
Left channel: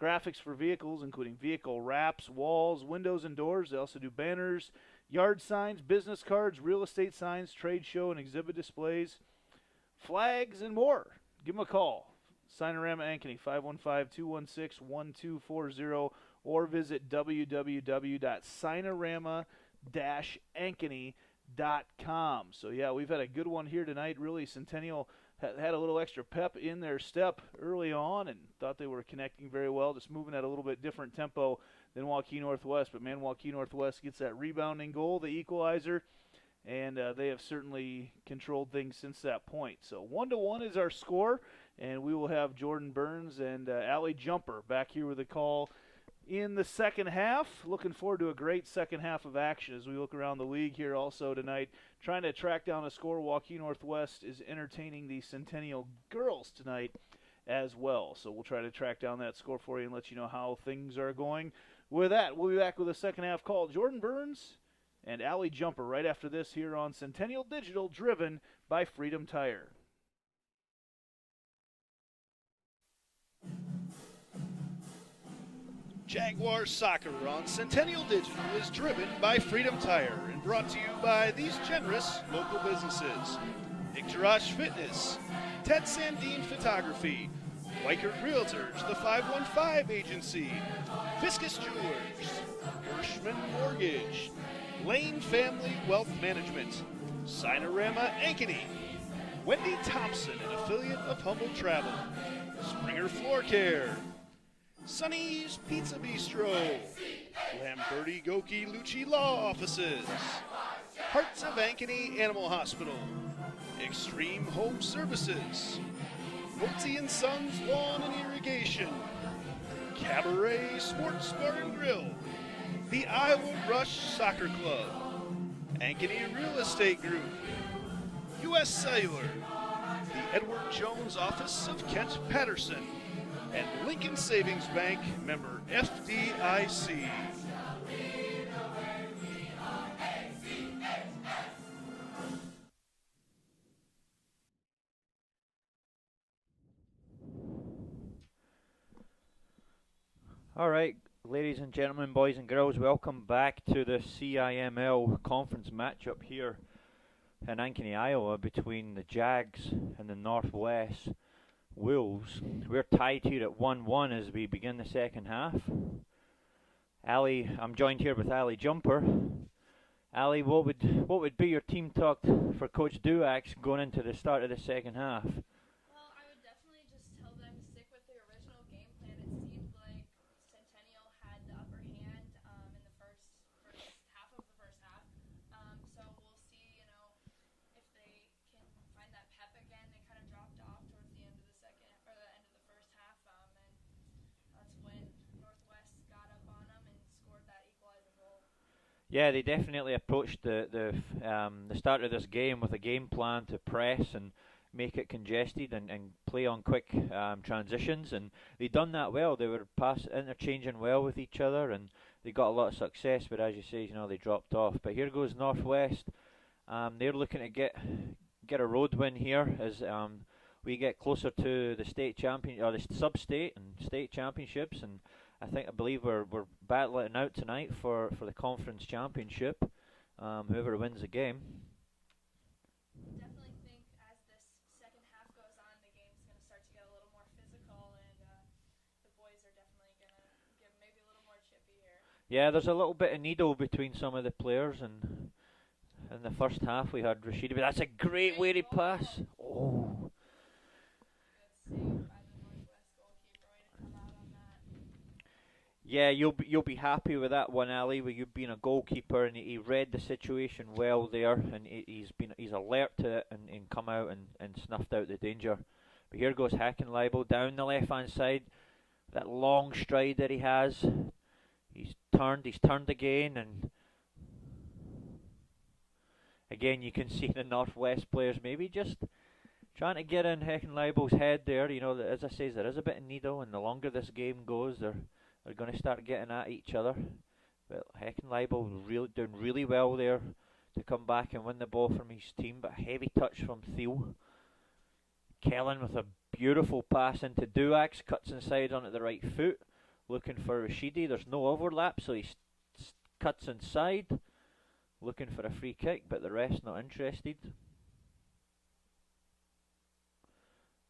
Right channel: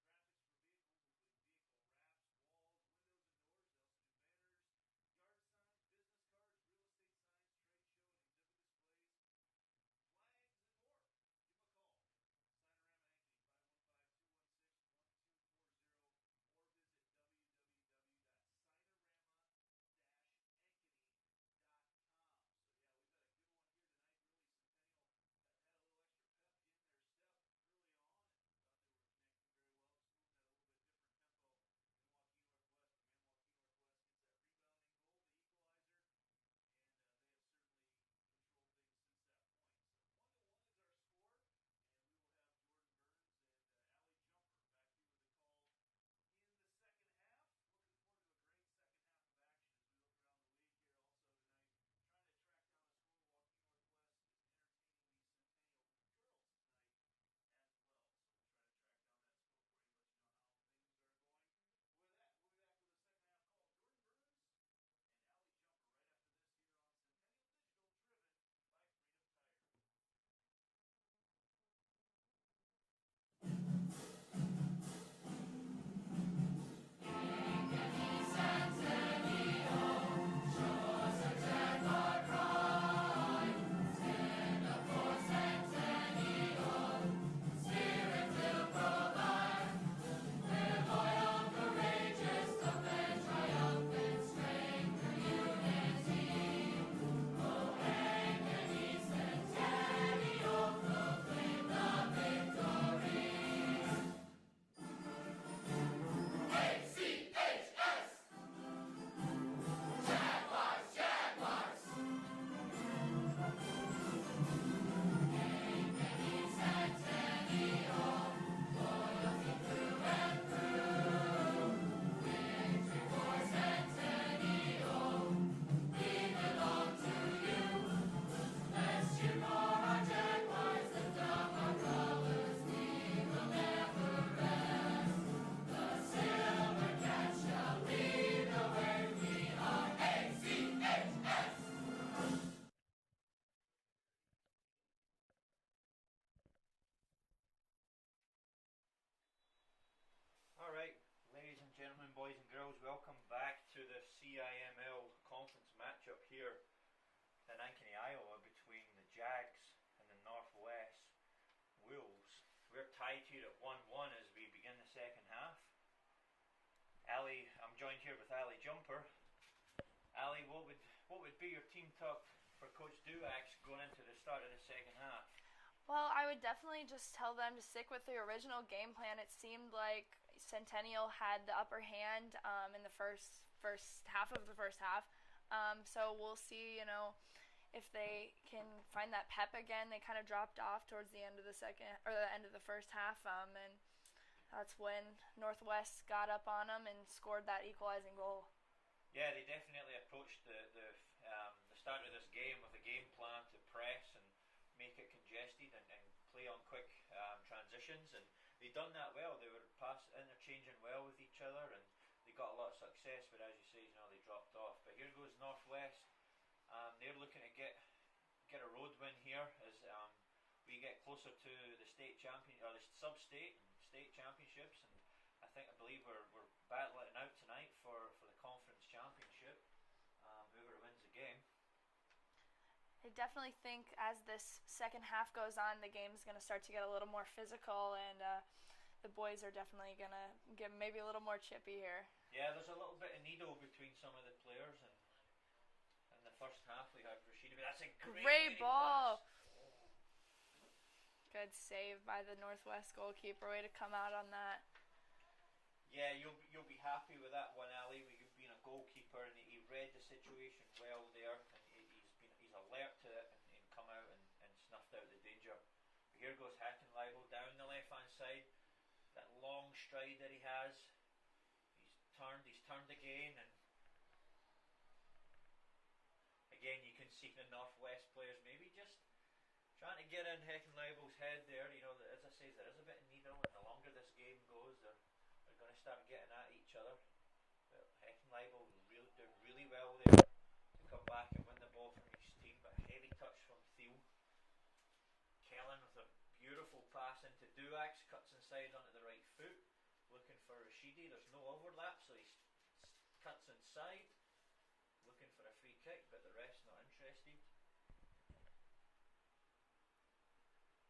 graphics for vehicles, including vehicle wraps, walls, windows, and doors. They also do banners, yard signs, business cards, real estate signs, trade show and exhibit displays, flags, and more. Give them a call. Cinerama Ankeny, 515-216-1240, or visit www.cinerama-ankeny.com. So, yeah, we've had a good one here tonight. Really, Centennial had a little extra pep in their step early on and thought they were connecting very well, just moving at a little bit different tempo than Waukee Northwest. But, man, Waukee Northwest gets that rebounding goal, the equalizer, and they have certainly controlled things since that point. So 1-1 is our score, and we will have Jordan Burns and Allie Jumper back here with a call in the second half. Looking forward to a great second half of action as we look around the league here also tonight, trying to track down a score. Waukee Northwest is entertaining the Centennial girls tonight as well. So we'll try to track down that score for you and let you know how things are going. With that, we'll be back with a second half call. Jordan Burns and Allie Jumper right after this here on Centennial Digital, driven by Freedom Tire. Jaguar Soccer on Centennial Digital is driven by Freedom Tire and brought to you by these generous local businesses: Icturash Fitness, Ted Sandine Photography, White Earth Realtors, the 515 Agency, Fiscus Jewelers, Bushman Mortgage, Lane Family Wealth Management, Cinerama Ankeny, Wendy Thompson, an affiliate of Humble Travel, Springer Floor Care, Sonny's Pizza Bistro, Lamberti Goki Lucci Law Offices, Hearts of Ankeny Animal Hospital, Extreme Home Services, Woodsy & Sons Lawn and Irrigation, Cabaret Sports Bar and Grill, the Iowa Rush Soccer Club, Ankeny Real Estate Group, U.S. Cellular, Edward Jones Office of Kent Patterson, and Lincoln Savings Bank, member FDIC. All right, ladies and gentlemen, boys and girls, welcome back to the CIML conference matchup here in Ankeny, Iowa, between the Jags and the Northwest Wolves. We're tied here at 1-1 as we begin the second half. I'm joined here with Allie Jumper. Allie, what would be your team talk for Coach Duax going into the start of the second half? Well, I would definitely just tell them to stick with the original game plan. It seemed like Centennial had the upper hand in the first half of the first half. So we'll see, if they can find that pep again. They kind of dropped off towards the end of the end of the first half, and that's when Northwest got up on them and scored that equalizing goal. Yeah, they definitely approached the start of this game with a game plan to press and make it congested and play on quick transitions, and they done that well. They were interchanging well with each other, and they got a lot of success. But as you say, they dropped off. But here goes Northwest. They're looking to get a road win here as we get closer to the state champion or the sub-state and state championships, and I believe we're battling out tonight for the conference championship. Whoever wins the game. I definitely think as this second half goes on, the game's going to start to get a little more physical, and the boys are definitely going to get maybe a little more chippy here. Yeah, there's a little bit of needle between some of the players, and in the first half we had Rashida, but that's a great way to pass. Oh. Good save by the Northwest goalkeeper. Way to come out on that. Yeah, you'll be happy with that one, Ali. With you being a goalkeeper, and he read the situation well there, and he's alert to it and come out and snuffed out the danger. But here goes Hackenleibel down the left hand side. that long stride that he has. He's turned again, and again you can see the Northwest players maybe just trying to get in Heckenleibel's head there. You know, as I say, there is a bit of needle, and the longer this game goes, they're going to start getting at each other. But Heckenleibel doing really well there to come back and win the ball from his team, but a heavy touch from Thiel. Kellen with a beautiful pass into Duax, cuts inside onto the right foot, looking for Rashidi. There's no overlap, so he cuts inside, looking for a free kick, but the ref's not interested.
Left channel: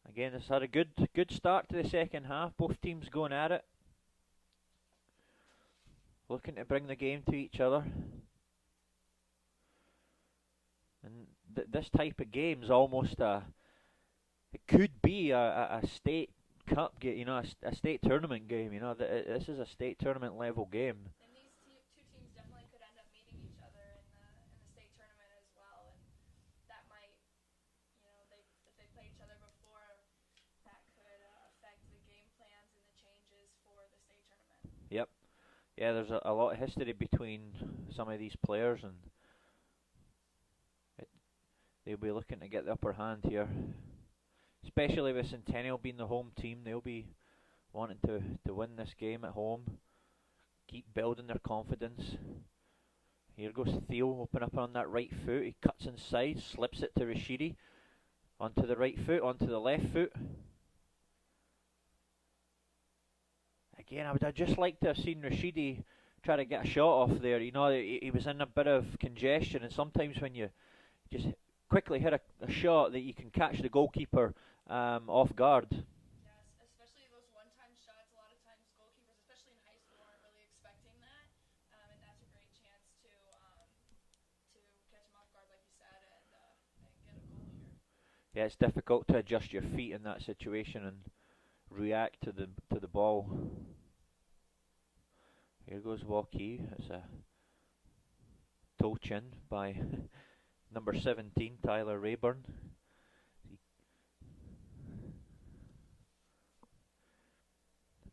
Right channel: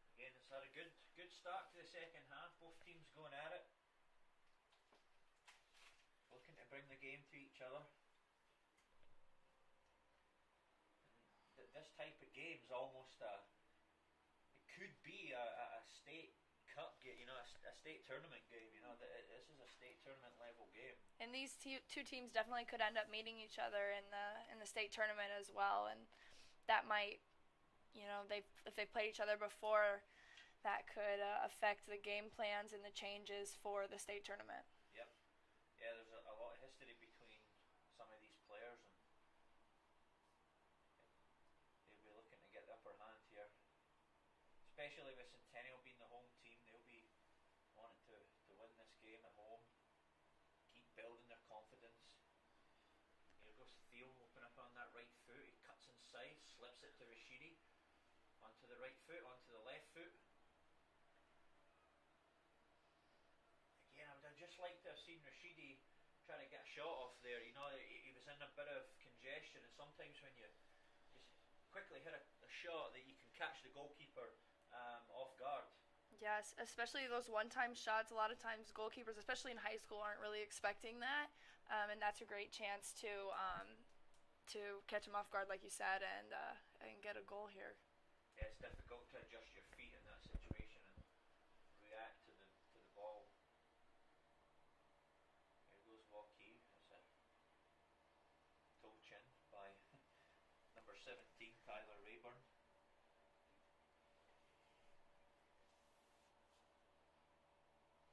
Again, it's had a good start to the second half. Both teams going at it, looking to bring the game to each other. And this type of game is almost it could be a state cup game, you know, a state tournament game. You know, this is a state tournament level game. And these two teams definitely could end up meeting each other in the state tournament as well, and that might, you know, if they played each other before, that could affect the game plans and the changes for the state tournament. Yep. Yeah, there's a lot of history between some of these players, and they'll be looking to get the upper hand here. Especially with Centennial being the home team, they'll be wanting to win this game at home, keep building their confidence. Here goes Theo, open up on that right foot. He cuts inside, slips it to Rashidi. Onto the right foot, onto the left foot. Again, I'd just like to have seen Rashidi try to get a shot off there. You know, he was in a bit of congestion, and sometimes when you just quickly hit a shot that you can catch the goalkeeper off guard. Yes, especially those one-time shots. A lot of times goalkeepers, especially in high school, aren't really expecting that, and that's a great chance to catch him off guard, like you said, and get a goal here. Yeah, it's difficult to adjust your feet in that situation and react to the ball. Here goes Waukee. It's a toe chin by number 17, Tyler Rayburn.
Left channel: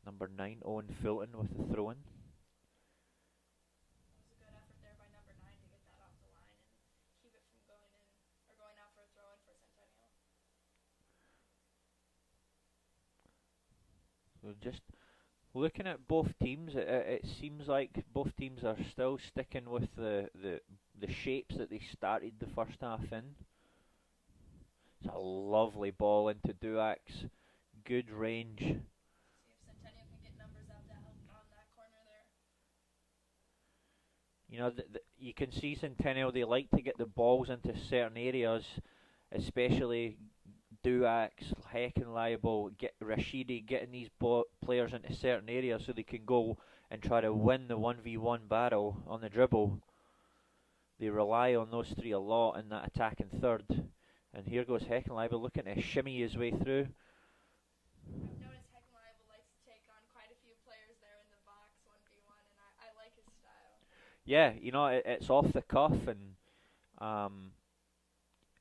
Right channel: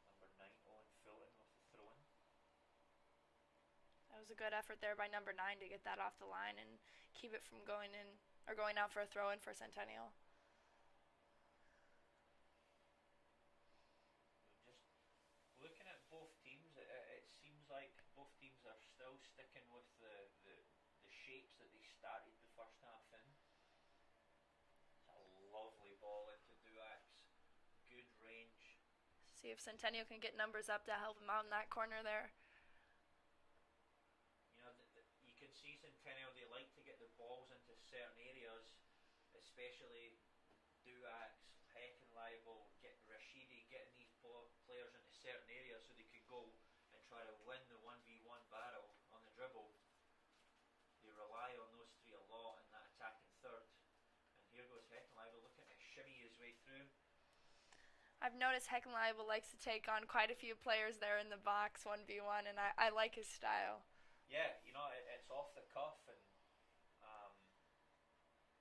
Number 9, Owen Fulton with the throw-in. That was a good effort there by number 9 to get that off the line and keep it from going in or going out for a throw-in for Centennial. So just looking at both teams, it seems like both teams are still sticking with the shapes that they started the first half in. It's a lovely ball into Duax. Good range. See if Centennial can get numbers up to help him out in that corner there. You know, you can see Centennial, they like to get the balls into certain areas, especially Duax, Heckenleibel, Rashidi, getting these players into certain areas so they can go and try to win the 1v1 battle on the dribble. They rely on those three a lot in that attacking third. And here goes Heckenleibel looking to shimmy his way through. I've noticed Heckenleibel likes to take on quite a few players there in the box 1v1, and I like his style. Yeah, you know, it's off the cuff, and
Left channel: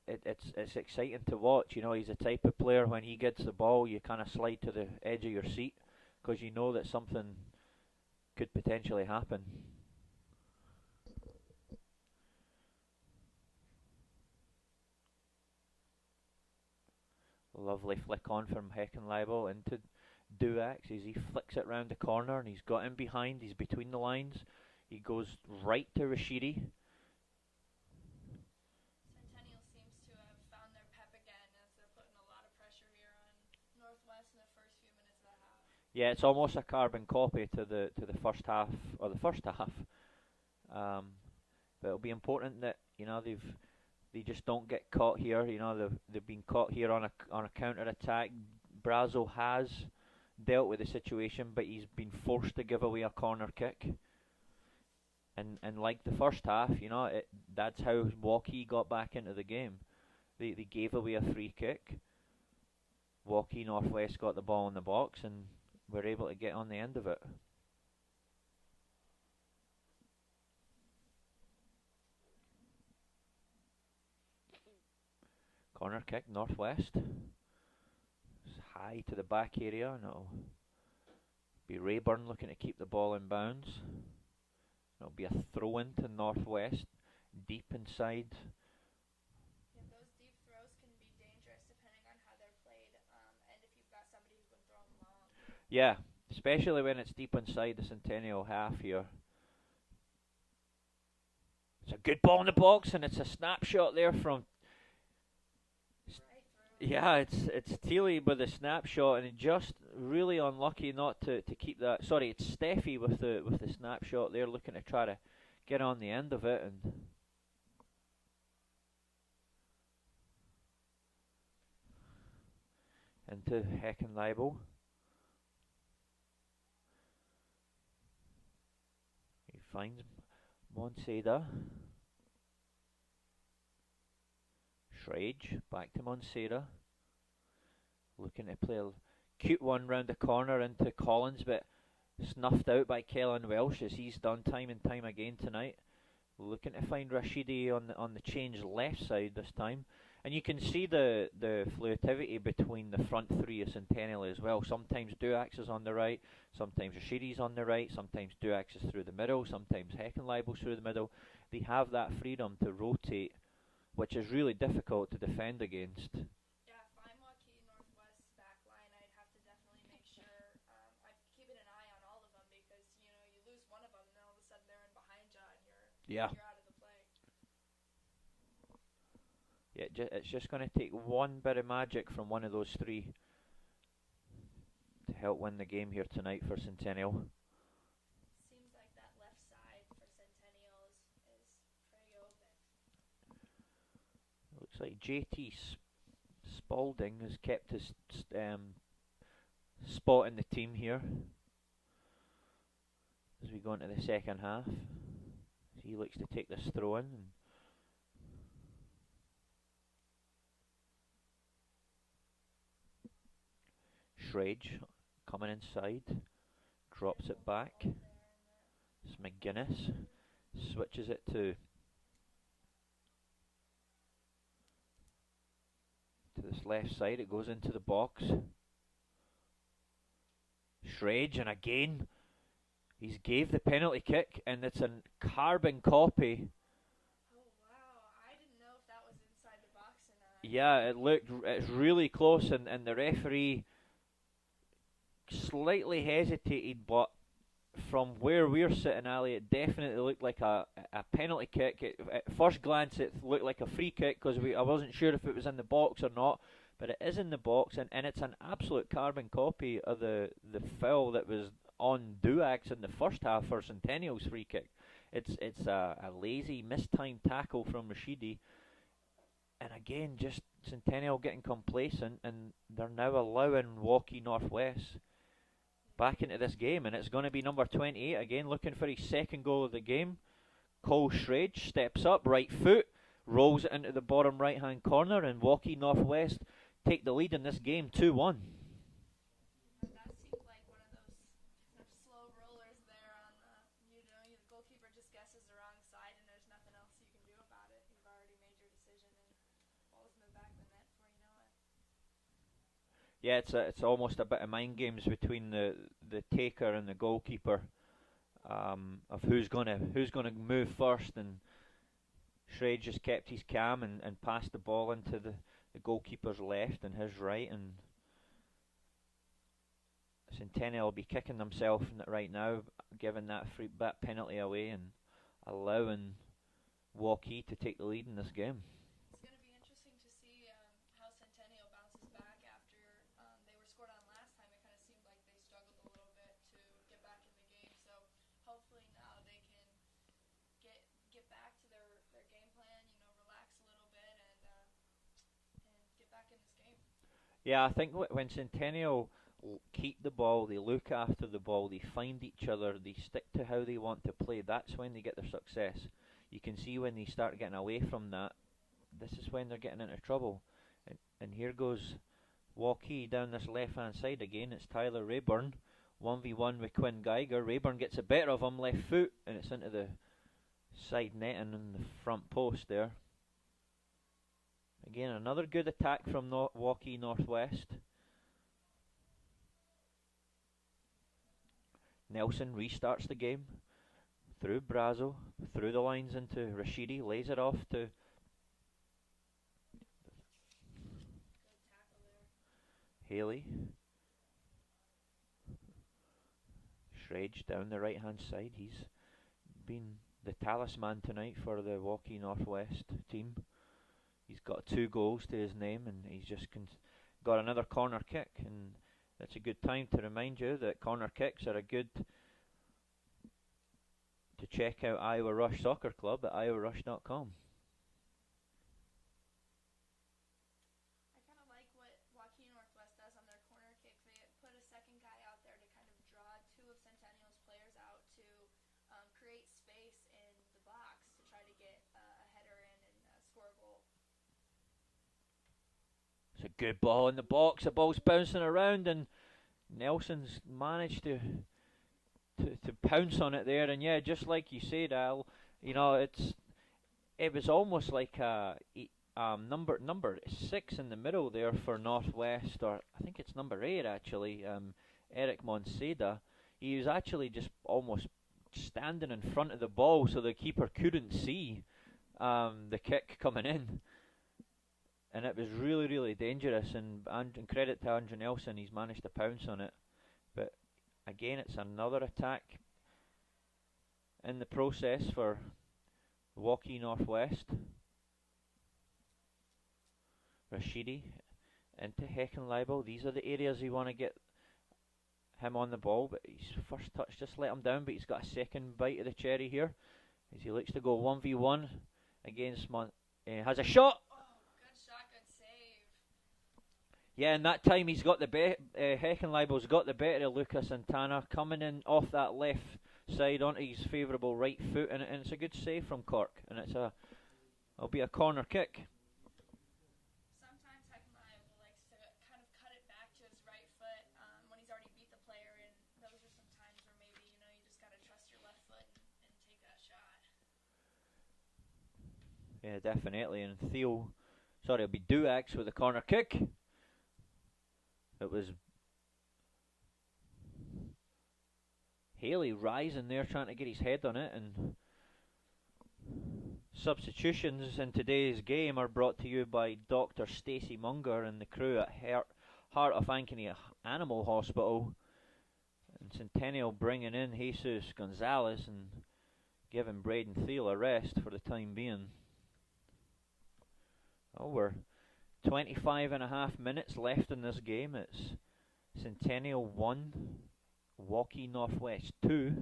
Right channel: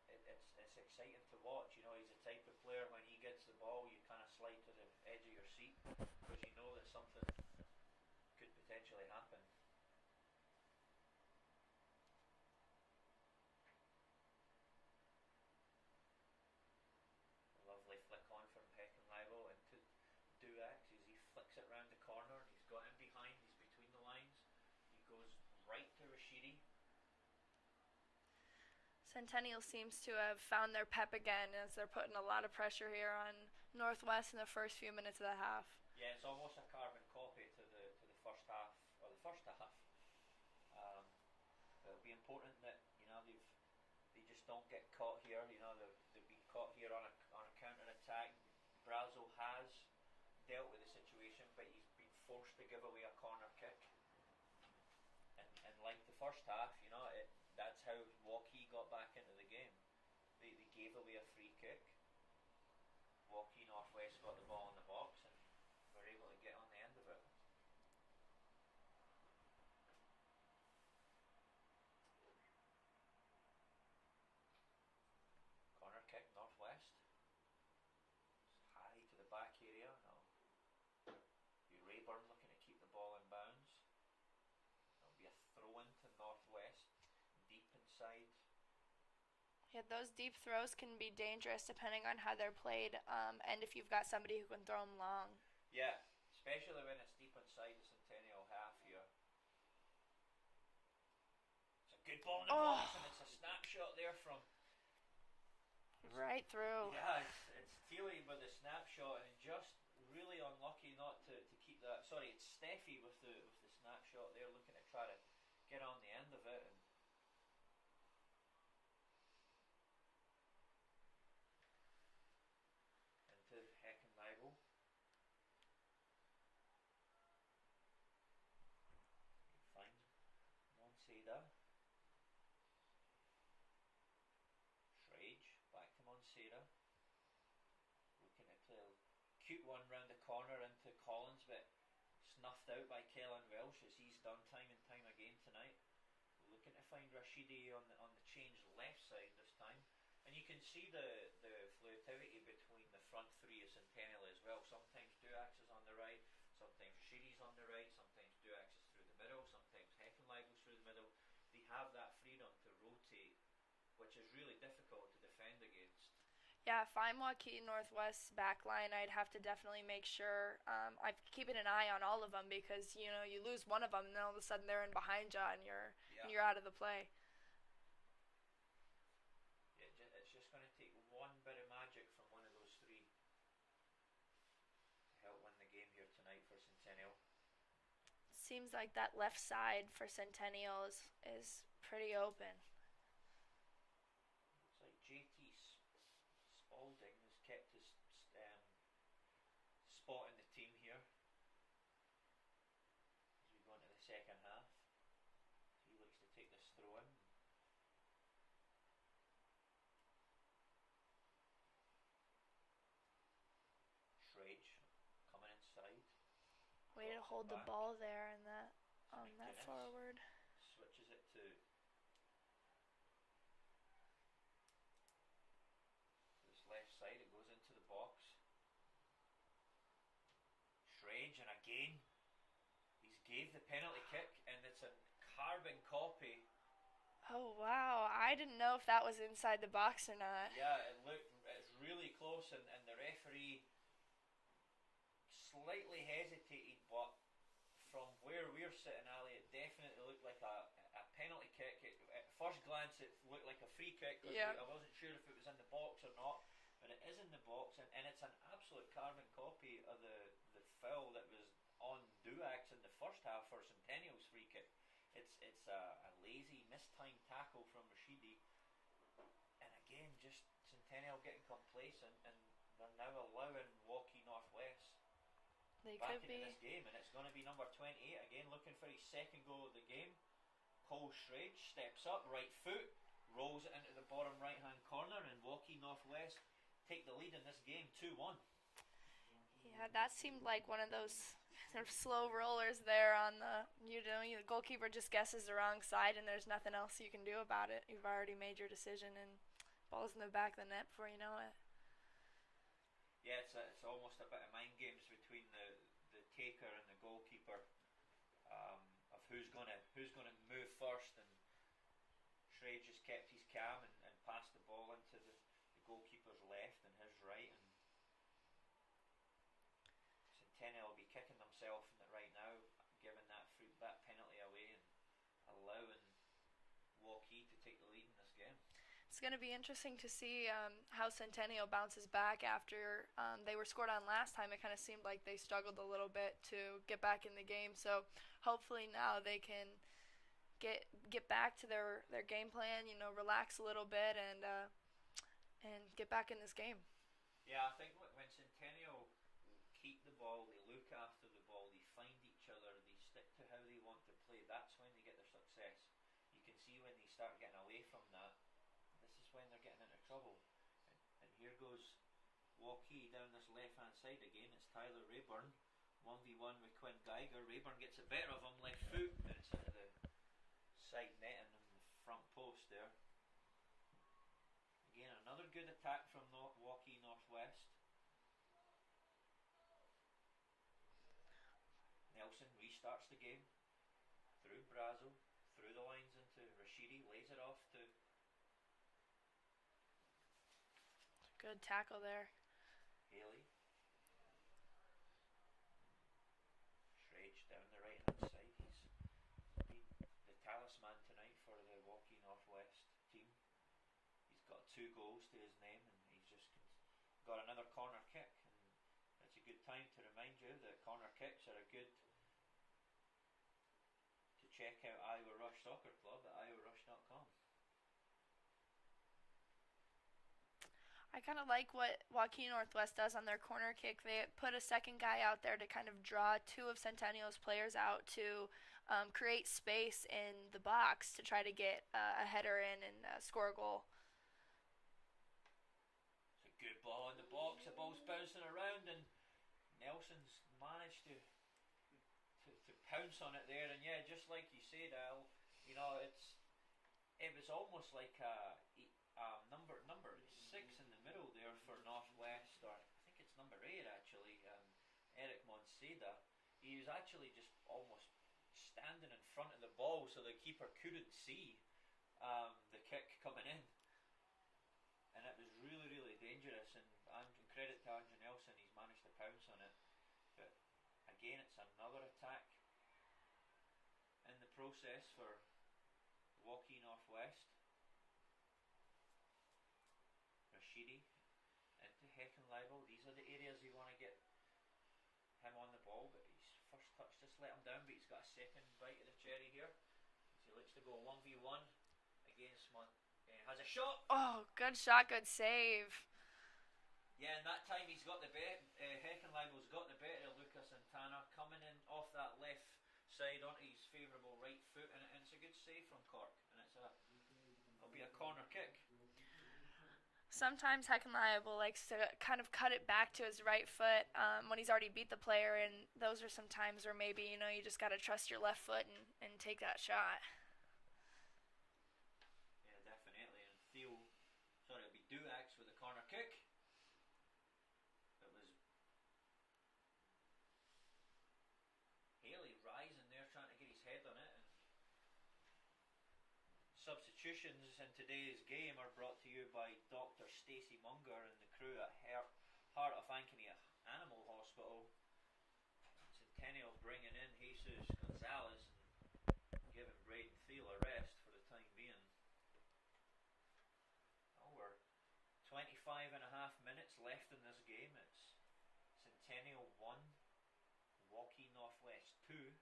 it's exciting to watch. You know, he's the type of player, when he gets the ball, you kind of slide to the edge of your seat because you know that something could potentially happen. Lovely flick on from Heckenleibel into Duax as he flicks it round the corner, and he's got him behind, he's between the lines. He goes right to Rashidi. Centennial seems to have found their pep again as they're putting a lot of pressure here on Northwest in the first few minutes of the half. Yeah, it's almost a carbon copy to the first half, or the first half. But it'll be important that, you know, they just don't get caught here. You know, they've been caught here on a counter attack. Brazo has dealt with the situation, but he's been forced to give away a corner kick. And like the first half, you know, that's how Waukee got back into the game. They gave away a free kick. Waukee Northwest got the ball in the box and were able to get on the end of it. Corner kick, Northwest. It's high to the back area. No. Be Rayburn looking to keep the ball in bounds. It'll be a throw in to Northwest, deep inside. Yeah, those deep throws can be dangerous depending on how they're played, and if you've got somebody who can throw them long. Yeah, especially when it's deep inside the Centennial half here. It's a good ball in the box, and it's a snapshot there from. Right through. Yeah, it's Thiele with the snapshot, and just really unlucky not to keep that. Sorry, it's Steffi with the snapshot there, looking to try to get on the end of it, and into Heckenleibel. He finds Monseda. Schrage, back to Monseda. Looking to play a cute one round the corner into Collins, but snuffed out by Kellen Welsh, as he's done time and time again tonight. Looking to find Rashidi on the change left side this time. And you can see the fluidity between the front three of Centennial as well. Sometimes Duax is on the right, sometimes Rashidi's on the right, sometimes Duax is through the middle, sometimes Heckenleibel's through the middle. They have that freedom to rotate, which is really difficult to defend against. Yeah, if I'm Waukee Northwest's back line, I'd have to definitely make sure I'm keeping an eye on all of them, because you lose one of them, and then all of a sudden they're in behind you, and you're out of the play. Yeah, it's just going to take one bit of magic from one of those three to help win the game here tonight for Centennial. Seems like that left side for Centennial is pretty open. Looks like JT Spalding has kept his spot in the team here as we go into the second half. He looks to take this throw in. Schrage coming inside, drops it back. It's McGuinness, switches it to this left side. It goes into the box. Schrage, and again he's gave the penalty kick, and it's a carbon copy. Oh wow, I didn't know if that was inside the box or not. Yeah, it's really close, and the referee slightly hesitated, but from where we're sitting, Ali, it definitely looked like a penalty kick. At first glance, it looked like a free kick, because I wasn't sure if it was in the box or not, but it is in the box, and it's an absolute carbon copy of the foul that was on Duax in the first half for Centennial's free kick. It's a lazy, mistimed tackle from Rashidi, and again, just Centennial getting complacent, and they're now allowing Waukee Northwest back into this game, and it's going to be number 28 again, looking for his second goal of the game. Cole Schrage steps up, right foot, rolls it into the bottom right hand corner, and Waukee Northwest take the lead in this game 2-1. Yeah, that seemed like one of those sort of slow rollers there on the goalkeeper just guesses the wrong side, and there's nothing else you can do about it. You've already made your decision, and ball's in the back of the net before you know it. Yeah, it's almost a bit of mind games between the taker and the goalkeeper, of who's gonna move first, and Schrage just kept his calm and passed the ball into the goalkeeper's left and his right, and Centennial will be kicking themselves right now, giving that penalty away and allowing Waukee to take the lead in this game. It's going to be interesting to see how Centennial bounces back after they were scored on last time. It kind of seemed like they struggled a little bit to get back in the game. So hopefully now they can get back to their game plan, relax a little bit and get back in this game. Yeah, I think when Centennial keep the ball, they look after the ball, they find each other, they stick to how they want to play, that's when they get their success. You can see when they start getting away from that, this is when they're getting into trouble. And here goes Waukee down this left hand side again. It's Tyler Rayburn 1v1 with Quinn Geiger. Rayburn gets a better of him, left foot, and it's into the side netting in the front post there. Again, another good attack from Waukee Northwest. Nelson restarts the game through Brazo, through the lines into Rashidi, lays it off to Good tackle there. Haley. Shrage down the right hand side. He's been the talisman tonight for the Waukee Northwest team. He's got 2 goals to his name, and he's just got another corner kick, and that's a good time to remind you that corner kicks are a good to check out Iowa Rush Soccer Club at iowarush.com. I kind of like what Waukee Northwest does on their corner kick. They put a second guy out there to kind of draw 2 of Centennial's players out to create space in the box to try to get a header in and score a goal. It's a good ball in the box. The ball's bouncing around, and Nelson's managed to pounce on it there. And yeah, just like you said, Al, you know, it was almost like a number 6 in the middle there for Northwest, or I think it's number 8 actually. Eric Monseda. He was actually just almost standing in front of the ball, so the keeper couldn't see the kick coming in. And it was really, really dangerous, and credit to Andrew Nelson, he's managed to pounce on it. But again, it's another attack in the process for Waukee Northwest. Rashidi into Heckenleibel. These are the areas you want to get him on the ball, but his first touch just let him down, but he's got a second bite of the cherry here as he looks to go 1v1 against has a shot. Oh, good shot, good save. Yeah, and that time he's got the Heckenleibel's got the better of Lucas Santana, coming in off that left side onto his favourable right foot, and it's a good save from Cork, and it'll be a corner kick. Sometimes Heckenleibel likes to kind of cut it back to his right foot when he's already beat the player, and those are some times where maybe, you know, you just got to trust your left foot and take that shot. Yeah, definitely. And it'll be Duax with a corner kick. It was Haley rising there trying to get his head on it, and substitutions in today's game are brought to you by Dr. Stacey Munger and the crew at Heart of Ankeny Animal Hospital. And Centennial bringing in Jesus Gonzalez and giving Braden Thiel a rest for the time being. Oh, we're 25 and a half minutes left in this game. It's Centennial 1, Waukee Northwest 2.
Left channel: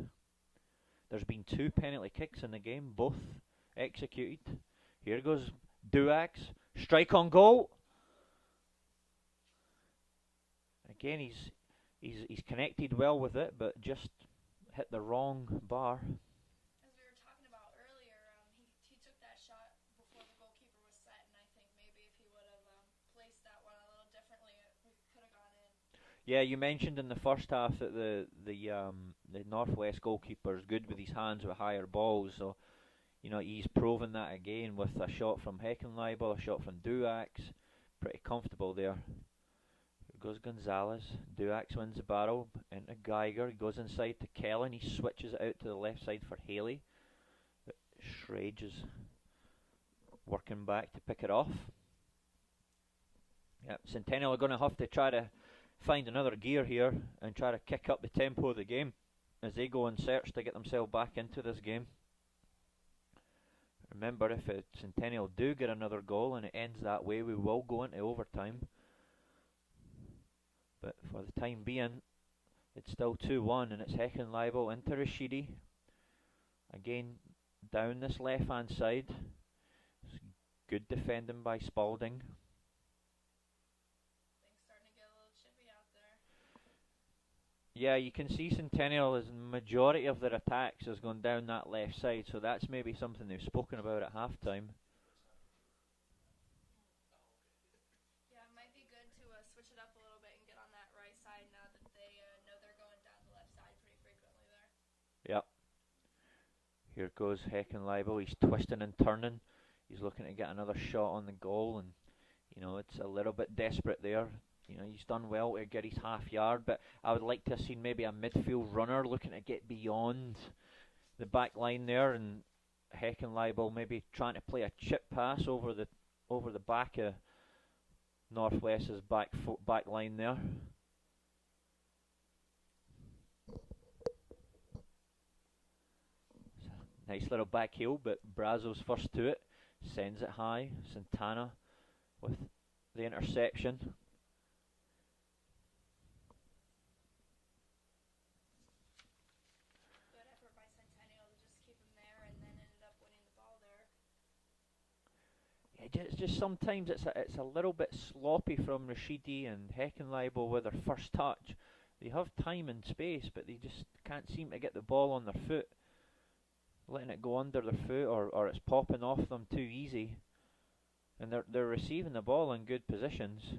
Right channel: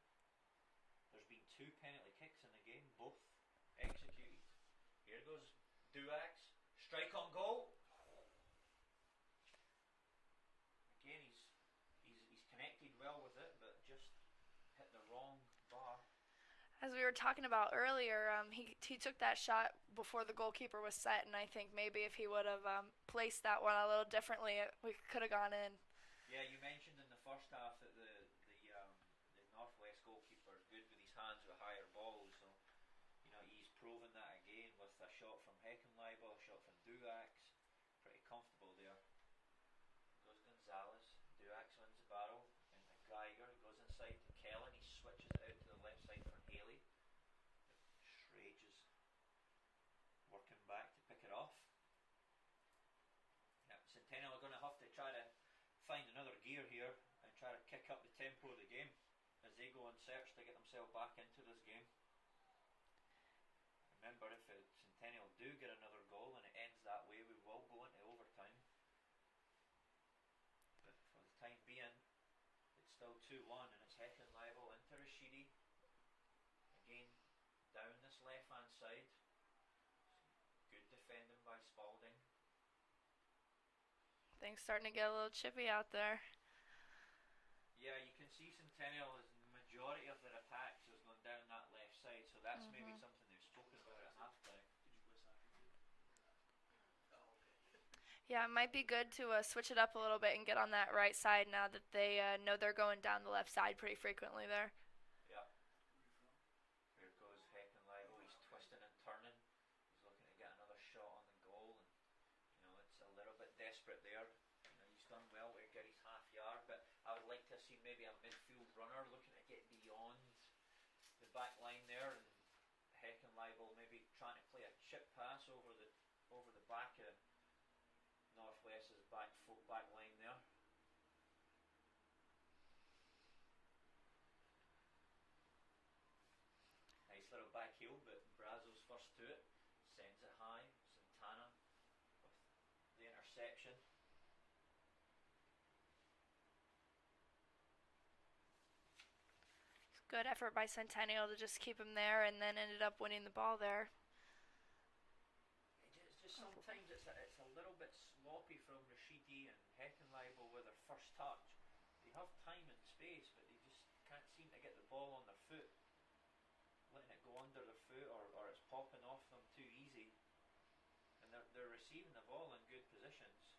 There's been 2 penalty kicks in the game, both executed. Here goes Duax, strike on goal. Again, he's connected well with it, but just hit the wrong bar. As we were talking about earlier, he took that shot before the goalkeeper was set, and I think maybe if he would have placed that one a little differently, we could have gone in. Yeah, you mentioned in the first half that the Northwest goalkeeper is good with his hands with higher balls, so you know he's proven that again with a shot from Heckenleibel, a shot from Duax, pretty comfortable there. Here goes Gonzalez. Duax wins the battle into Geiger. He goes inside to Kellen. He switches it out to the left side for Haley. But Shrage is working back to pick it off. Yep, Centennial are going to have to try to find another gear here and try to kick up the tempo of the game as they go in search to get themselves back into this game. Remember, if Centennial do get another goal and it ends that way, we will go into overtime. But for the time being, it's still 2-1, and it's Heckenleibel into Rashidi. Again, down this left-hand side. It's good defending by Spalding. Things starting to get a little chippy out there. Yeah, you can see Centennial is the majority of their attacks has gone down that left side, so that's maybe something they've spoken about at halftime. Yeah, it might be good to switch it up a little bit and get on that right side now that they know they're going down the left side pretty frequently there. Yep. Here goes Heckenleibel. He's twisting and turning. He's looking to get another shot on the goal, and you know it's a little bit desperate there. he's done well to get his half yard, but I would like to have seen maybe a midfield runner looking to get beyond the back line there, and Heckenleibel maybe trying to play a chip pass over the back of Northwest's back line there. Nice little back heel, but Brazo's first to it, sends it high. Santana with the interception. Good effort by Centennial to just keep him there, and then ended up winning the ball there. Yeah, just sometimes it's a little bit sloppy from Rashidi and Heckenleibel with their first touch. They have time and space, but they just can't seem to get the ball on their foot. Letting it go under their foot, or it's popping off them too easy, and they're receiving the ball in good positions.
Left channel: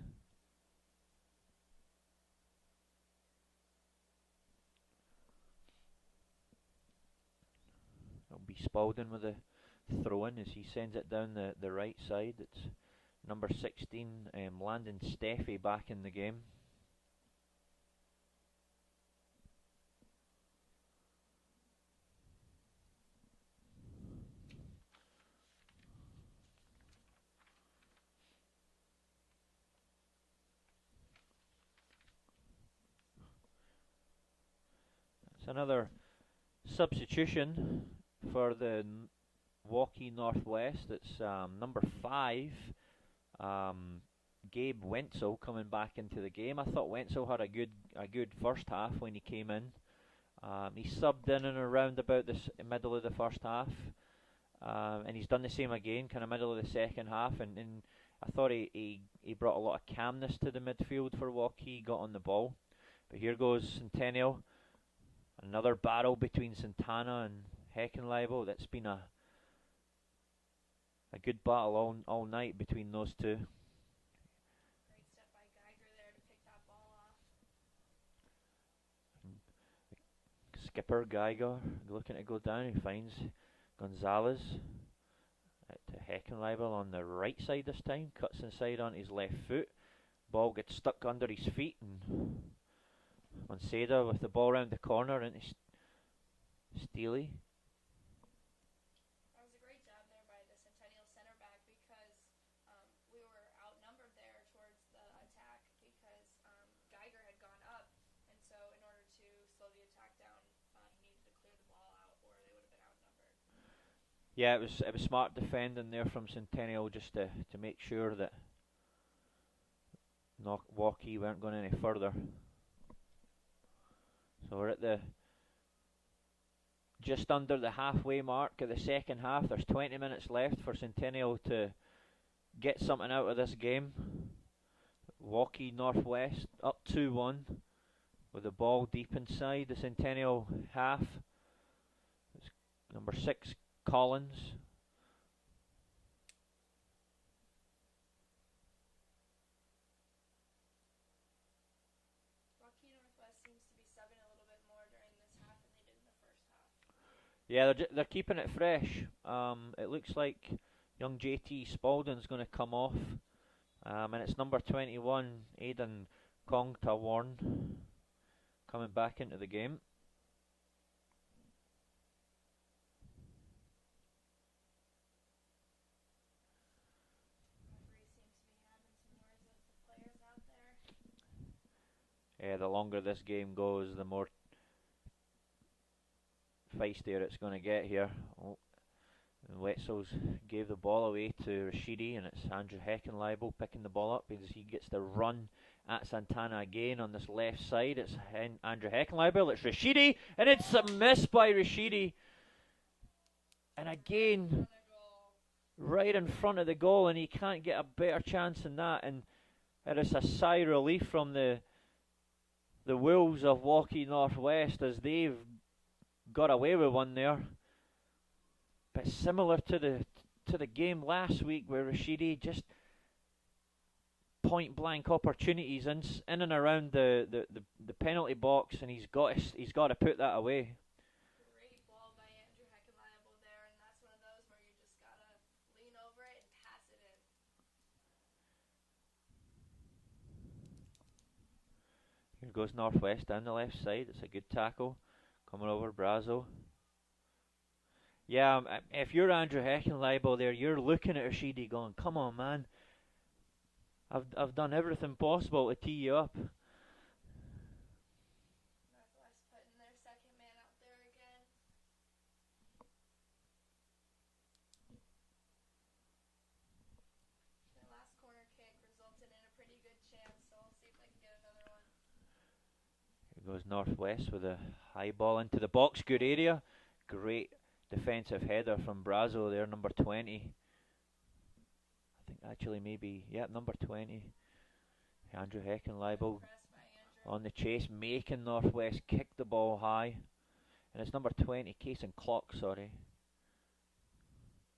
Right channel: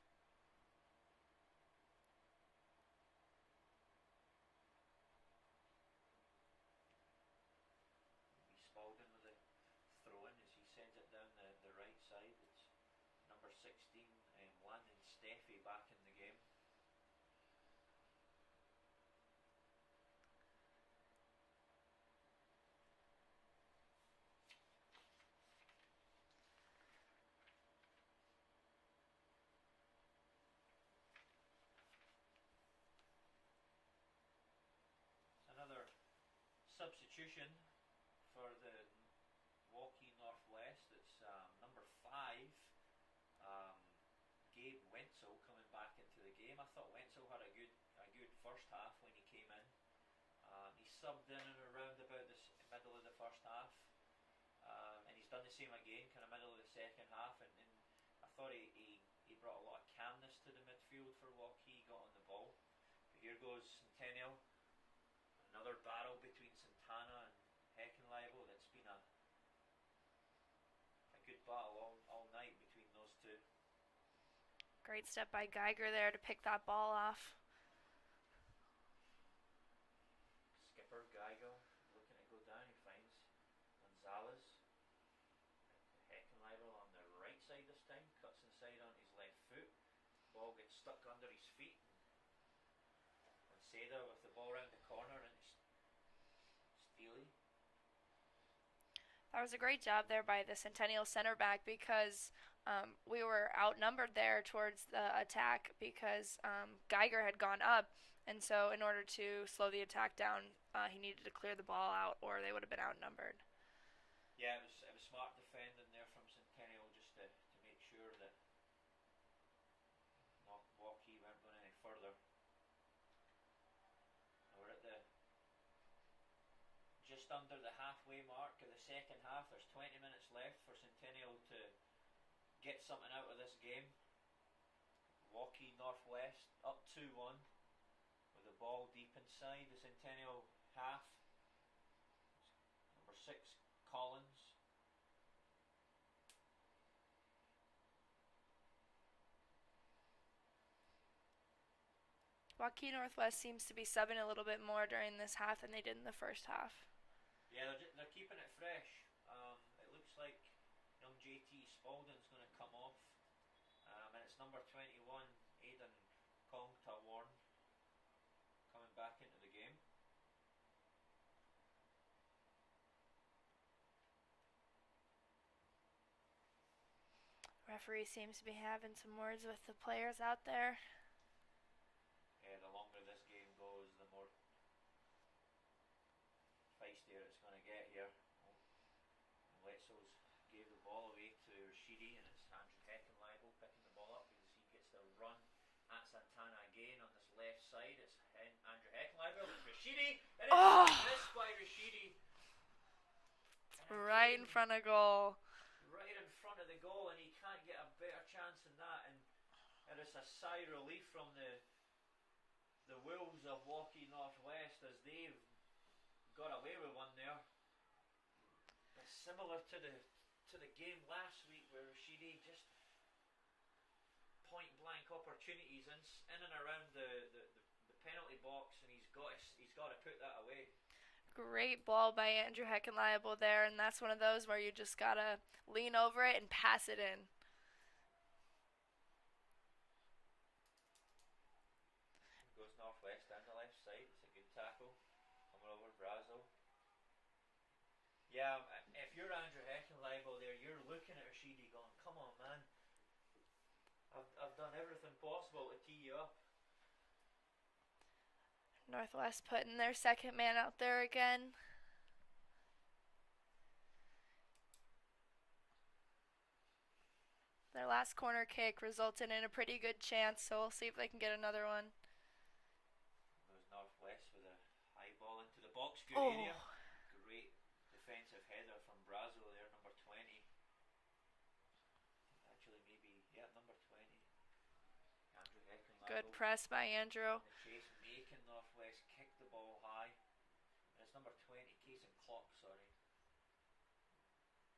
It'll be Spalding with the throw-in as he sends it down the right side. It's number 16, Landon Steffi, back in the game. It's another substitution for the Waukee Northwest. It's number 5, Gabe Wenzel, coming back into the game. I thought Wenzel had a good first half when he came in. He subbed in and around about the middle of the first half, and he's done the same again, kind of middle of the second half. And I thought he brought a lot of calmness to the midfield for Waukee. Got on the ball, but here goes Centennial. Another battle between Santana and Heckenleibel. That's been a good battle all night between those two. Great step by Geiger there to pick that ball off. Skipper Geiger looking to go down. He finds Gonzalez to Heckenleibel on the right side this time. Cuts inside on his left foot. Ball gets stuck under his feet, and Seda with the ball round the corner into Steely. That was a great job there by the Centennial center back, because we were outnumbered there towards the attack, because Geiger had gone up, and so in order to slow the attack down, he needed to clear the ball out, or they would have been outnumbered. Yeah, it was smart defending there from Centennial, just to make sure that Waukee weren't going any further. So we're at just under the halfway mark of the second half. There's 20 minutes left for Centennial to get something out of this game. Waukee Northwest up 2-1 with the ball deep inside the Centennial half. It's number 6, Collins. Waukee Northwest seems to be subbing a little bit more during this half than they did in the first half. Yeah, they're keeping it fresh. It looks like young JT Spalding's going to come off, and it's number 21, Aidan Kongtawarn, coming back into the game. Referee seems to be having some words with the players out there. Yeah, the longer this game goes, the more feistier it's going to get here. Oh, and Wetzels gave the ball away to Rashidi, and it's Andrew Heckenleibel picking the ball up because he gets to run at Santana again on this left side. It's Andrew Heckenleibel, it's Rashidi, and it's a miss by Rashidi. And again, right in front of goal. Right in front of the goal, and he can't get a better chance than that. And it is a sigh of relief from the Wolves of Waukee Northwest as they've got away with one there. But similar to the game last week where Rashidi just point blank opportunities in and around the penalty box, and he's got to put that away. Great ball by Andrew Heckenleibel there, and that's one of those where you just gotta lean over it and pass it in. Here goes Northwest down the left side. It's a good tackle. Coming over Brazo. Yeah, if you're Andrew Heckenleibel there, you're looking at Rashidi going, come on, man. I've done everything possible to tee you up. Northwest putting their second man out there again. Their last corner kick resulted in a pretty good chance, so we'll see if they can get another one. Here goes Northwest with a high ball into the box. Good area. Great defensive header from Brazo there, number 20. I think actually maybe, number 20. Andrew Heckenleibel. Good press by Andrew. On the chase, making Northwest kick the ball high. And it's number 20, Kason Clock,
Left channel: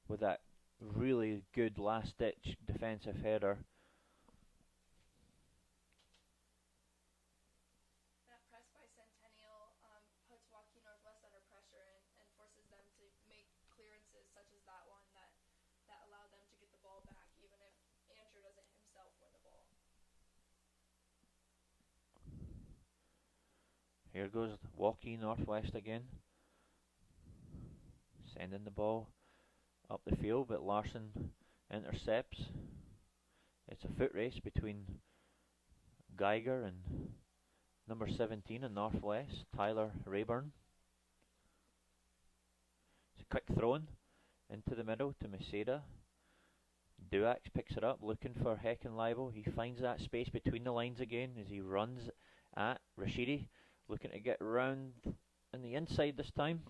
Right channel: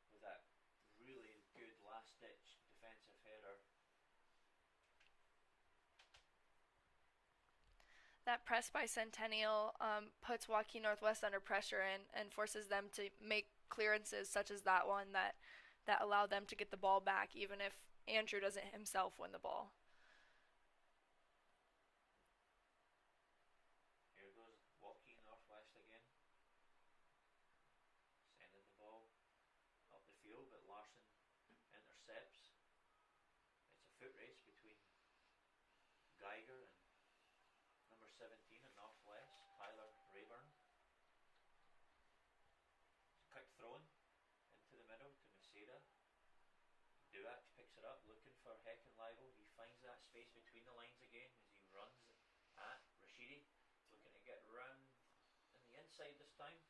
with that really good last-ditch defensive header. That press by Centennial puts Waukee Northwest under pressure and forces them to make clearances such as that one that allow them to get the ball back, even if Andrew doesn't himself win the ball. Here goes Waukee Northwest again. Sending the ball up the field, but Larson intercepts. It's a foot race between Geiger and number 17 in Northwest, Tyler Rayburn. It's a quick throw-in into the middle to Maceda. Duax picks it up, looking for Heckenleibel. He finds that space between the lines again as he runs at Rashidi, looking to get round on the inside this time.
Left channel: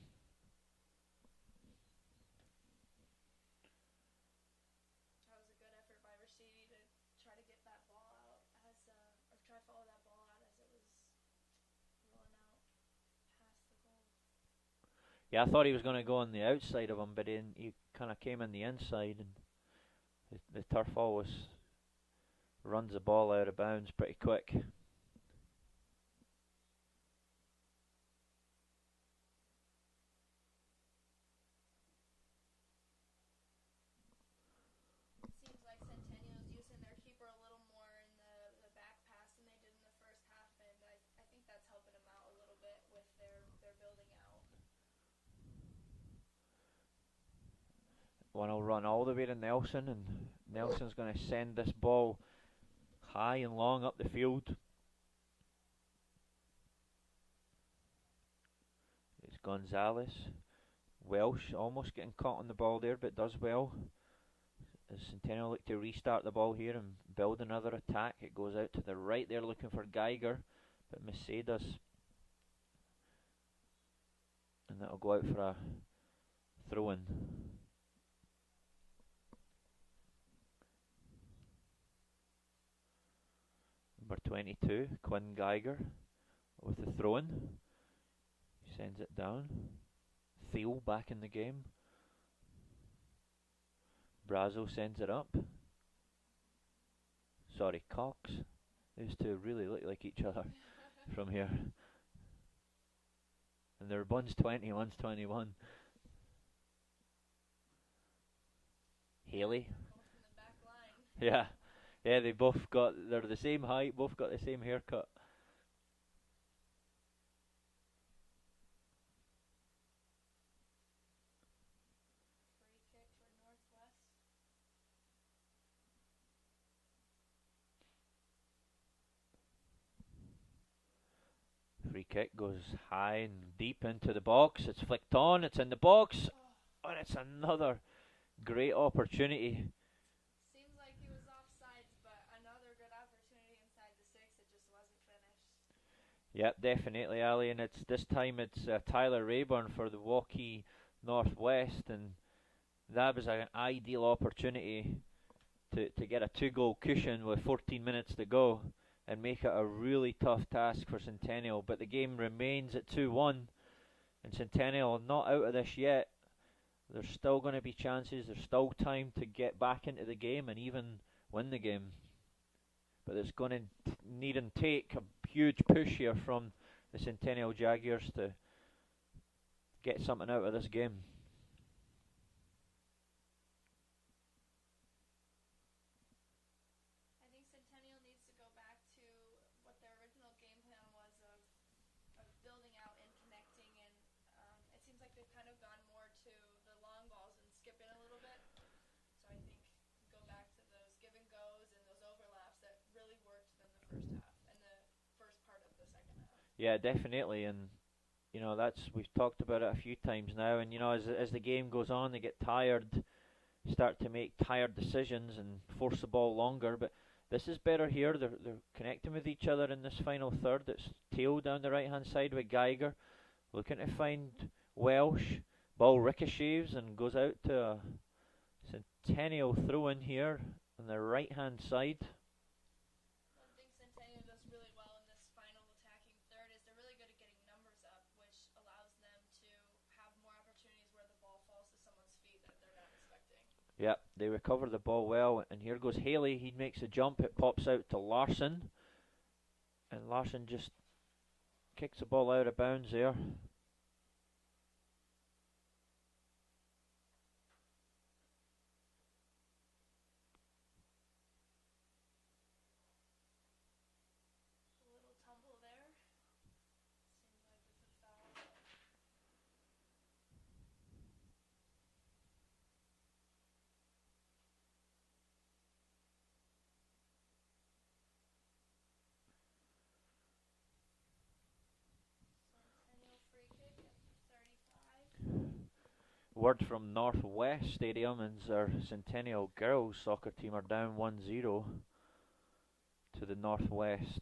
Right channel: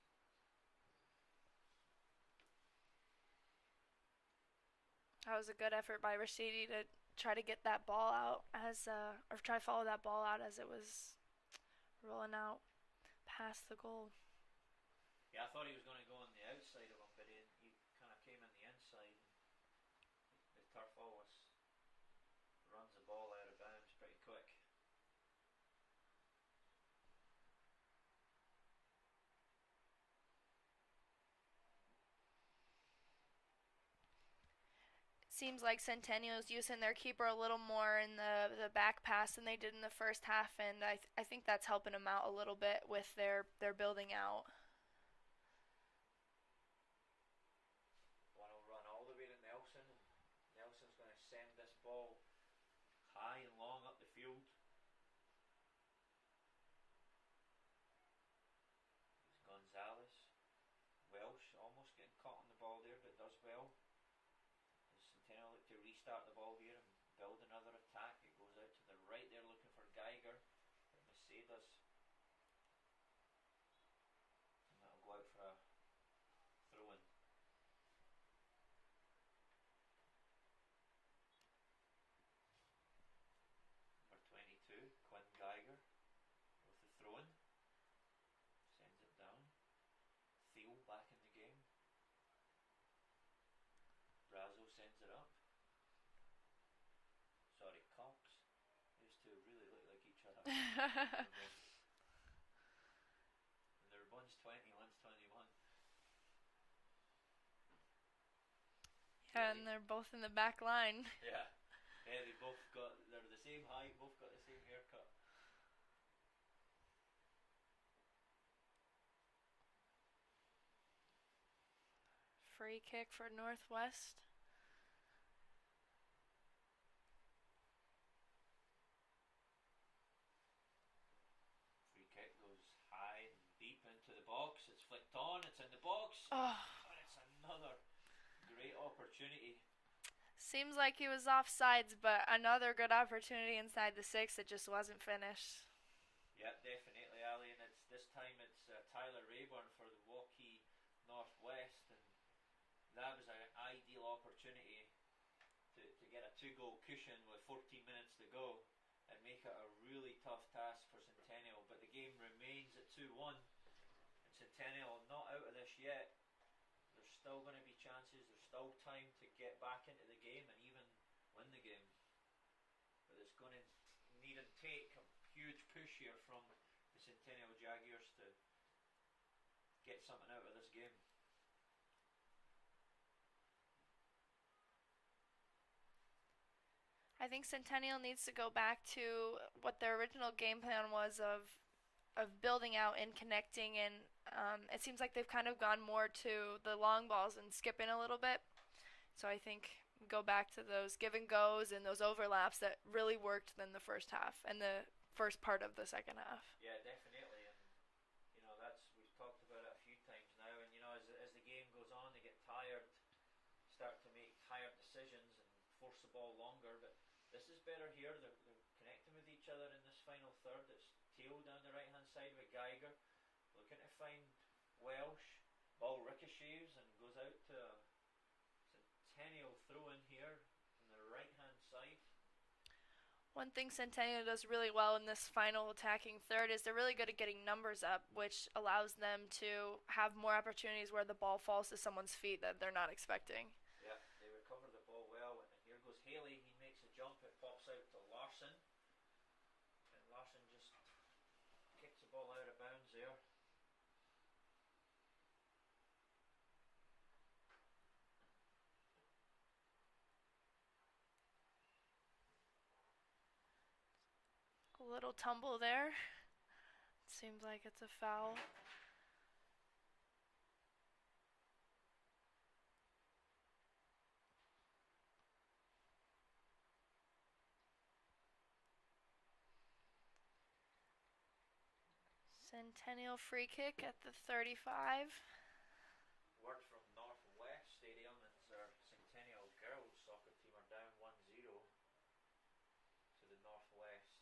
That was a good effort by Rashidi to try to get that ball out or try to follow that ball out as it was rolling out past the goal. Yeah, I thought he was going to go on the outside of him, but he kind of came on the inside, and the turf always runs the ball out of bounds pretty quick. Seems like Centennial's using their keeper a little more in the back pass than they did in the first half, and I think that's helping them out a little bit with their building out. One will run all the way to Nelson, and Nelson's going to send this ball high and long up the field. It's Gonzalez. Welsh almost getting caught on the ball there, but does well. As Centennial look to restart the ball here and build another attack, it goes out to the right there looking for Geiger, but Maceda's, and that'll go out for a throw-in. Number 22, Quinn Geiger, with the throw-in. He sends it down. Thiel back in the game. Brazo sends it up. Sorry, Cox. These two really look like each other from here. And they're one's 20, one's 21. Haley. And they're both in the back line. Yeah, they're the same height, both got the same haircut. Free kick for Northwest. Free kick goes high and deep into the box. It's flicked on, it's in the box. And it's another great opportunity. Seems like he was offsides, but another good opportunity inside the 6 that just wasn't finished. Yep, definitely, Ali. And this time it's Tyler Rayburn for the Waukee Northwest, and that was an ideal opportunity to get a 2-goal cushion with 14 minutes to go and make it a really tough task for Centennial. But the game remains at 2-1, and Centennial not out of this yet. There's still going to be chances, there's still time to get back into the game and even win the game. But it's going to need and take a huge push here from the Centennial Jaguars to get something out of this game. I think Centennial needs to go back to what their original game plan was of building out and connecting, and it seems like they've kind of gone more to the long balls and skipping a little bit. So I think go back to those give and goes and those overlaps that really worked in the first half and the first part of the second half. Yeah, definitely, and that's we've talked about it a few times now. And as the game goes on, they get tired, start to make tired decisions and force the ball longer. But this is better here. They're connecting with each other in this final third. It's Teal down the right hand side with Geiger, looking to find Welsh. Ball ricochets and goes out to a Centennial throw in here on the right hand side. One thing Centennial does really well in this final attacking third is they're really good at getting numbers up, which allows them to have more opportunities where the ball falls to someone's feet that they're not expecting. Yeah, they recover the ball well, and here goes Haley. He makes a jump. It pops out to Larson, and Larson just kicks the ball out of bounds there. A little tumble there. Seems like it's a foul. Centennial free kick at the 35. Word from Northwest Stadium is our Centennial girls soccer team are down 1-0 to the Northwest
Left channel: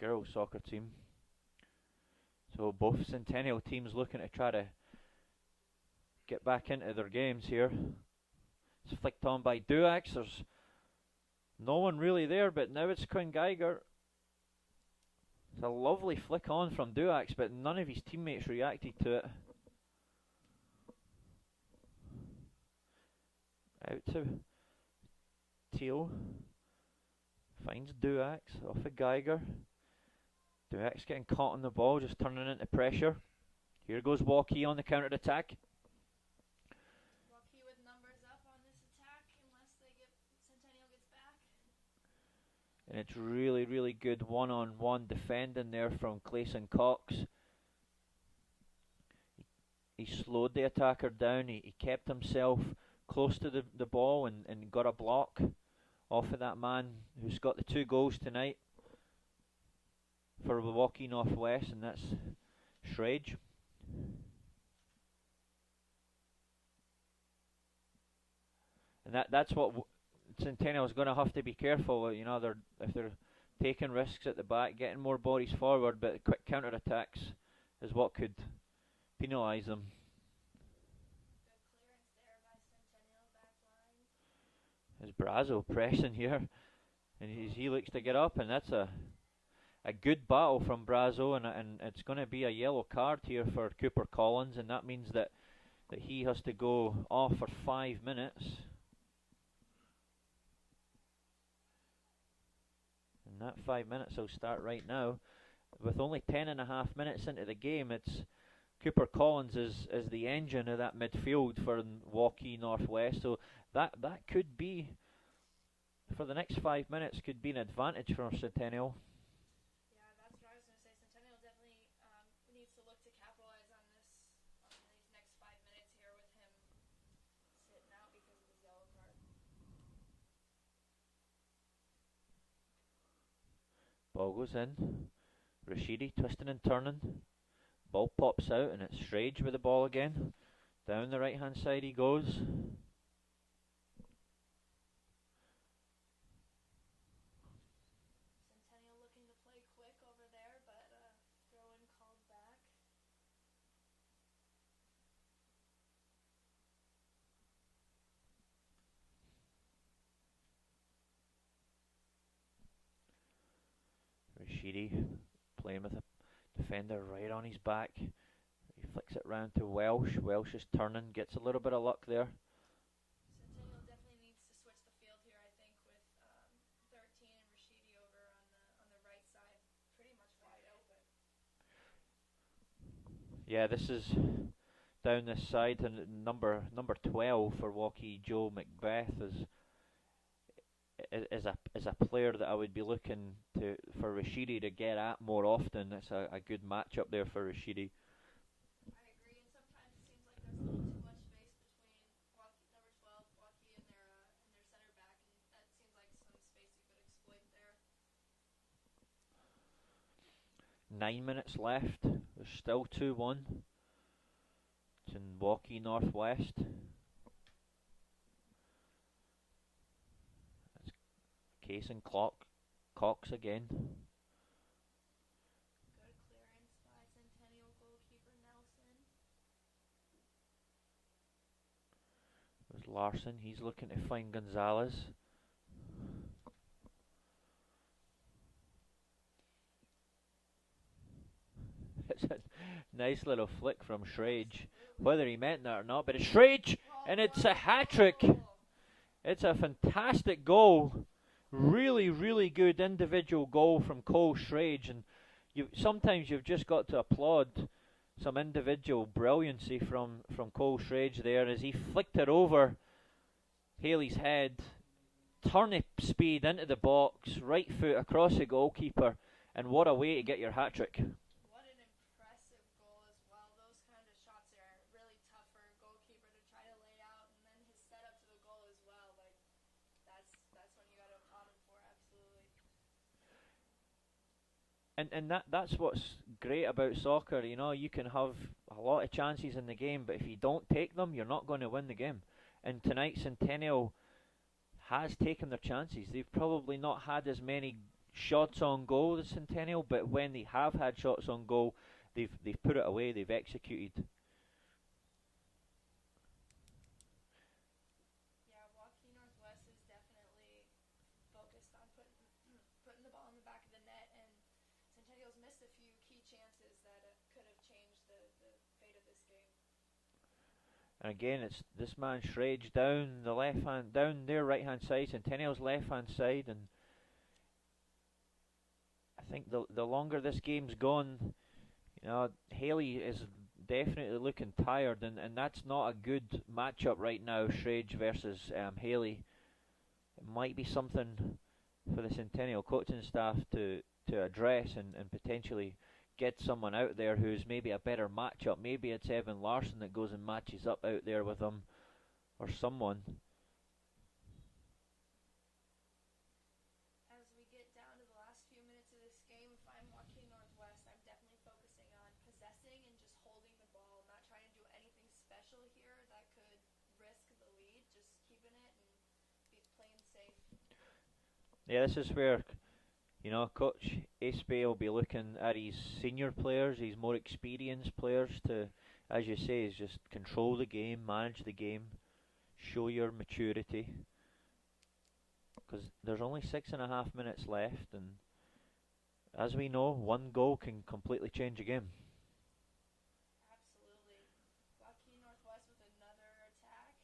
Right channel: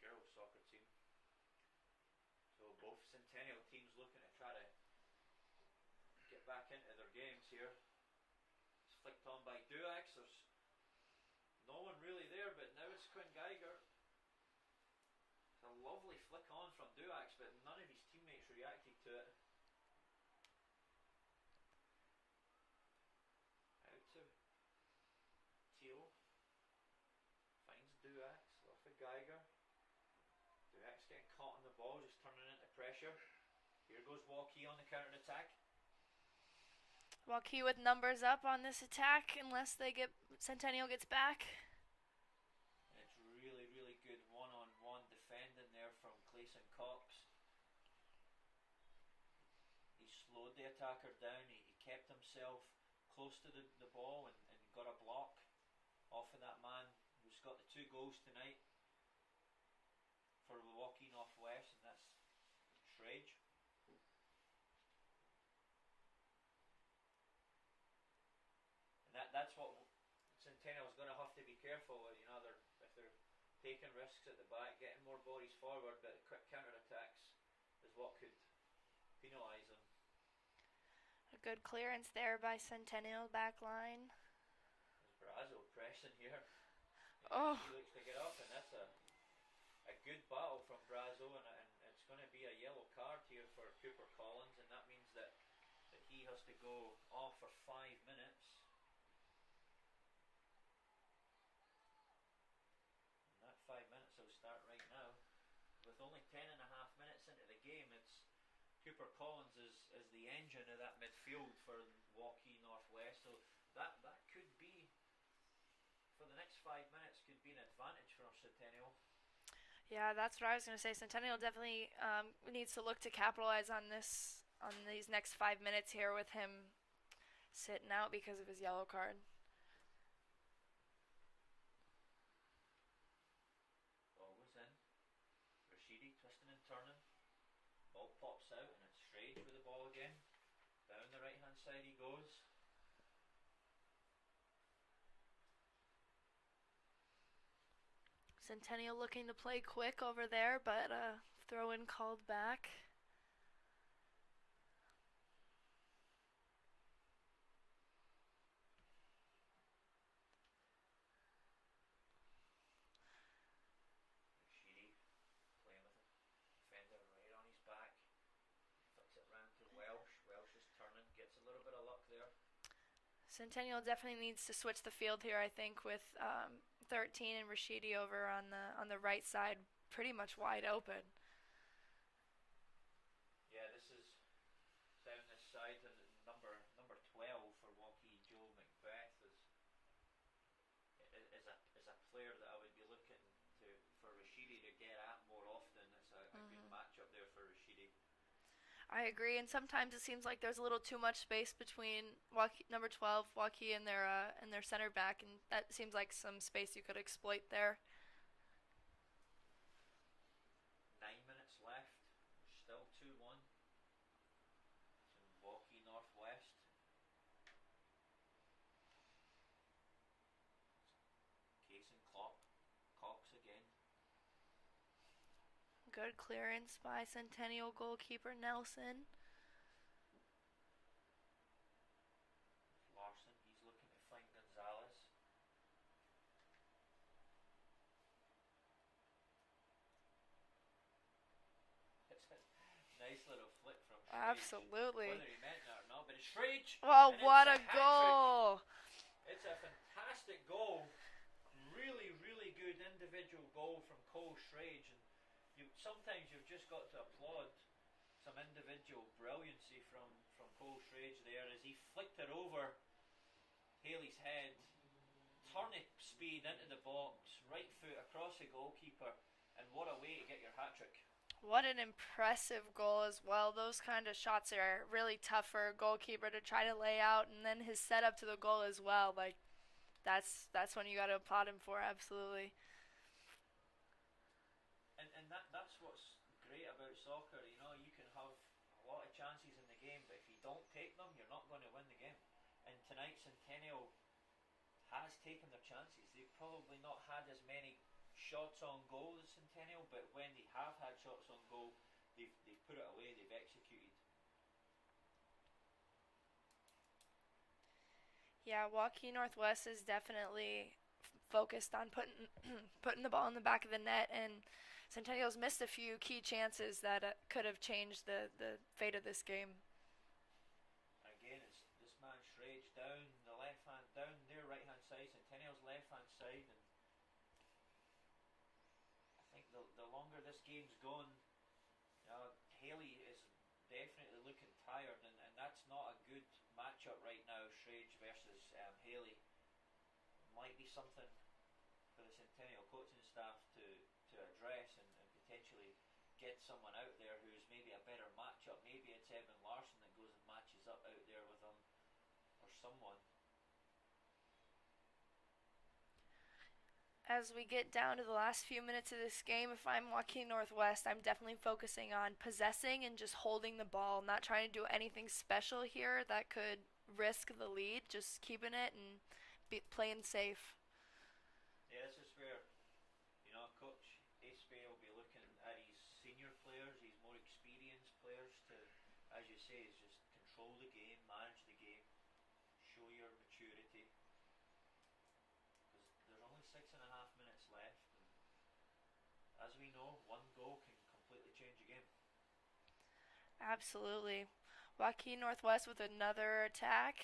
girls soccer team. So both Centennial teams looking to try to get back into their games here. It's flicked on by Duax. There's no one really there, but now it's Quinn Geiger. It's a lovely flick on from Duax, but none of his teammates reacted to it. Out to Teal. Finds Duax off of Geiger. Duax getting caught on the ball, just turning into pressure. Here goes Waukee on the counter attack. Waukee with numbers up on this attack unless Centennial gets back. And it's really, really good one-on-one defending there from Clayson Cox. He slowed the attacker down. He kept himself close to the ball and got a block off of that man who's got the 2 goals tonight for Waukee Northwest, and that's Shrage. And that's what Centennial's going to have to be careful. If they're taking risks at the back, getting more bodies forward, but quick counter attacks is what could penalise them. A good clearance there by Centennial back line. There's Brazo pressing here, and he looks to get up, and that's a good battle from Brazo, and it's going to be a yellow card here for Cooper Collins, and that means that he has to go off for 5 minutes. And that 5 minutes will start right now. With only 10.5 minutes into the game, it's Cooper Collins is the engine of that midfield for Waukee Northwest. So that could be, for the next 5 minutes, could be an advantage for Centennial. Yeah, that's what I was going to say. Centennial definitely needs to look to capitalize on these next 5 minutes here with him sitting out because of his yellow card. Ball goes in. Rashidi twisting and turning. Ball pops out, and it's Shrage with the ball again. Down the right hand side he goes. Centennial looking to play quick over there, but throw in called back. Rashidi playing with a defender right on his back. He flicks it round to Welsh. Welsh is turning, gets a little bit of luck there. Centennial definitely needs to switch the field here, I think, with 13 and Rashidi over on the right side, pretty much wide open. Yeah, this is down this side, and number 12 for Waukee, Joe Macbeth, is is a player that I would be looking to for Rashidi to get at more often. It's a good matchup there for Rashidi. I agree, and sometimes it seems like there's a little too much space between number 12 Waukee and their center back, and that seems like some space you could exploit there. 9 minutes left. There's still 2-1. It's in Waukee Northwest. That's Case and Cox again. Good clearance by Centennial goalkeeper Nelson. There's Larson. He's looking to find Gonzalez. It's a nice little flick from Schrage. Absolutely. Whether he meant that or not, but it's Schrage! Oh, and it's a hat-trick! It's a fantastic goal. Really, really good individual goal from Cole Schrage. And sometimes you've just got to applaud some individual brilliancy from Cole Schrage there as he flicked it over Haley's head. Turnip speed into the box, right foot across the goalkeeper, and what a way to get your hat-trick. What an impressive goal as well. Those kind of shots are really tough for a goalkeeper to try to lay out, and then his setup to the goal as well. Like, that's when you got to applaud him for, absolutely. And that's what's great about soccer. You know, you can have a lot of chances in the game, but if you don't take them, you're not going to win the game. And tonight, Centennial has taken their chances. They've probably not had as many shots on goal as Centennial, but when they have had shots on goal, they've put it away. They've executed. Yeah, Waukee Northwest is definitely focused on putting the ball in the back of the net, and Centennial's missed a few key chances that could have changed the fate of this game. And again, it's this man Schrage down their right hand side, Centennial's left hand side, and I think the longer this game's gone, you know, Haley is definitely looking tired, and that's not a good matchup right now. Schrage versus Haley. It might be something for the Centennial coaching staff to address and potentially get someone out there who's maybe a better matchup. Maybe it's Evan Larson that goes and matches up out there with them, or someone. As we get down to the last few minutes of this game, if I'm Waukee Northwest, I'm definitely focusing on possessing and just holding the ball, not trying to do anything special here that could risk the lead, just keeping it and playing safe. Yeah, this is where, you know, Coach Espay will be looking at his senior players, his more experienced players to, as you say, is just control the game, manage the game, show your maturity. Because there's only 6.5 minutes left, and as we know, one goal can completely change a game. Absolutely. Waukee Northwest with another attack.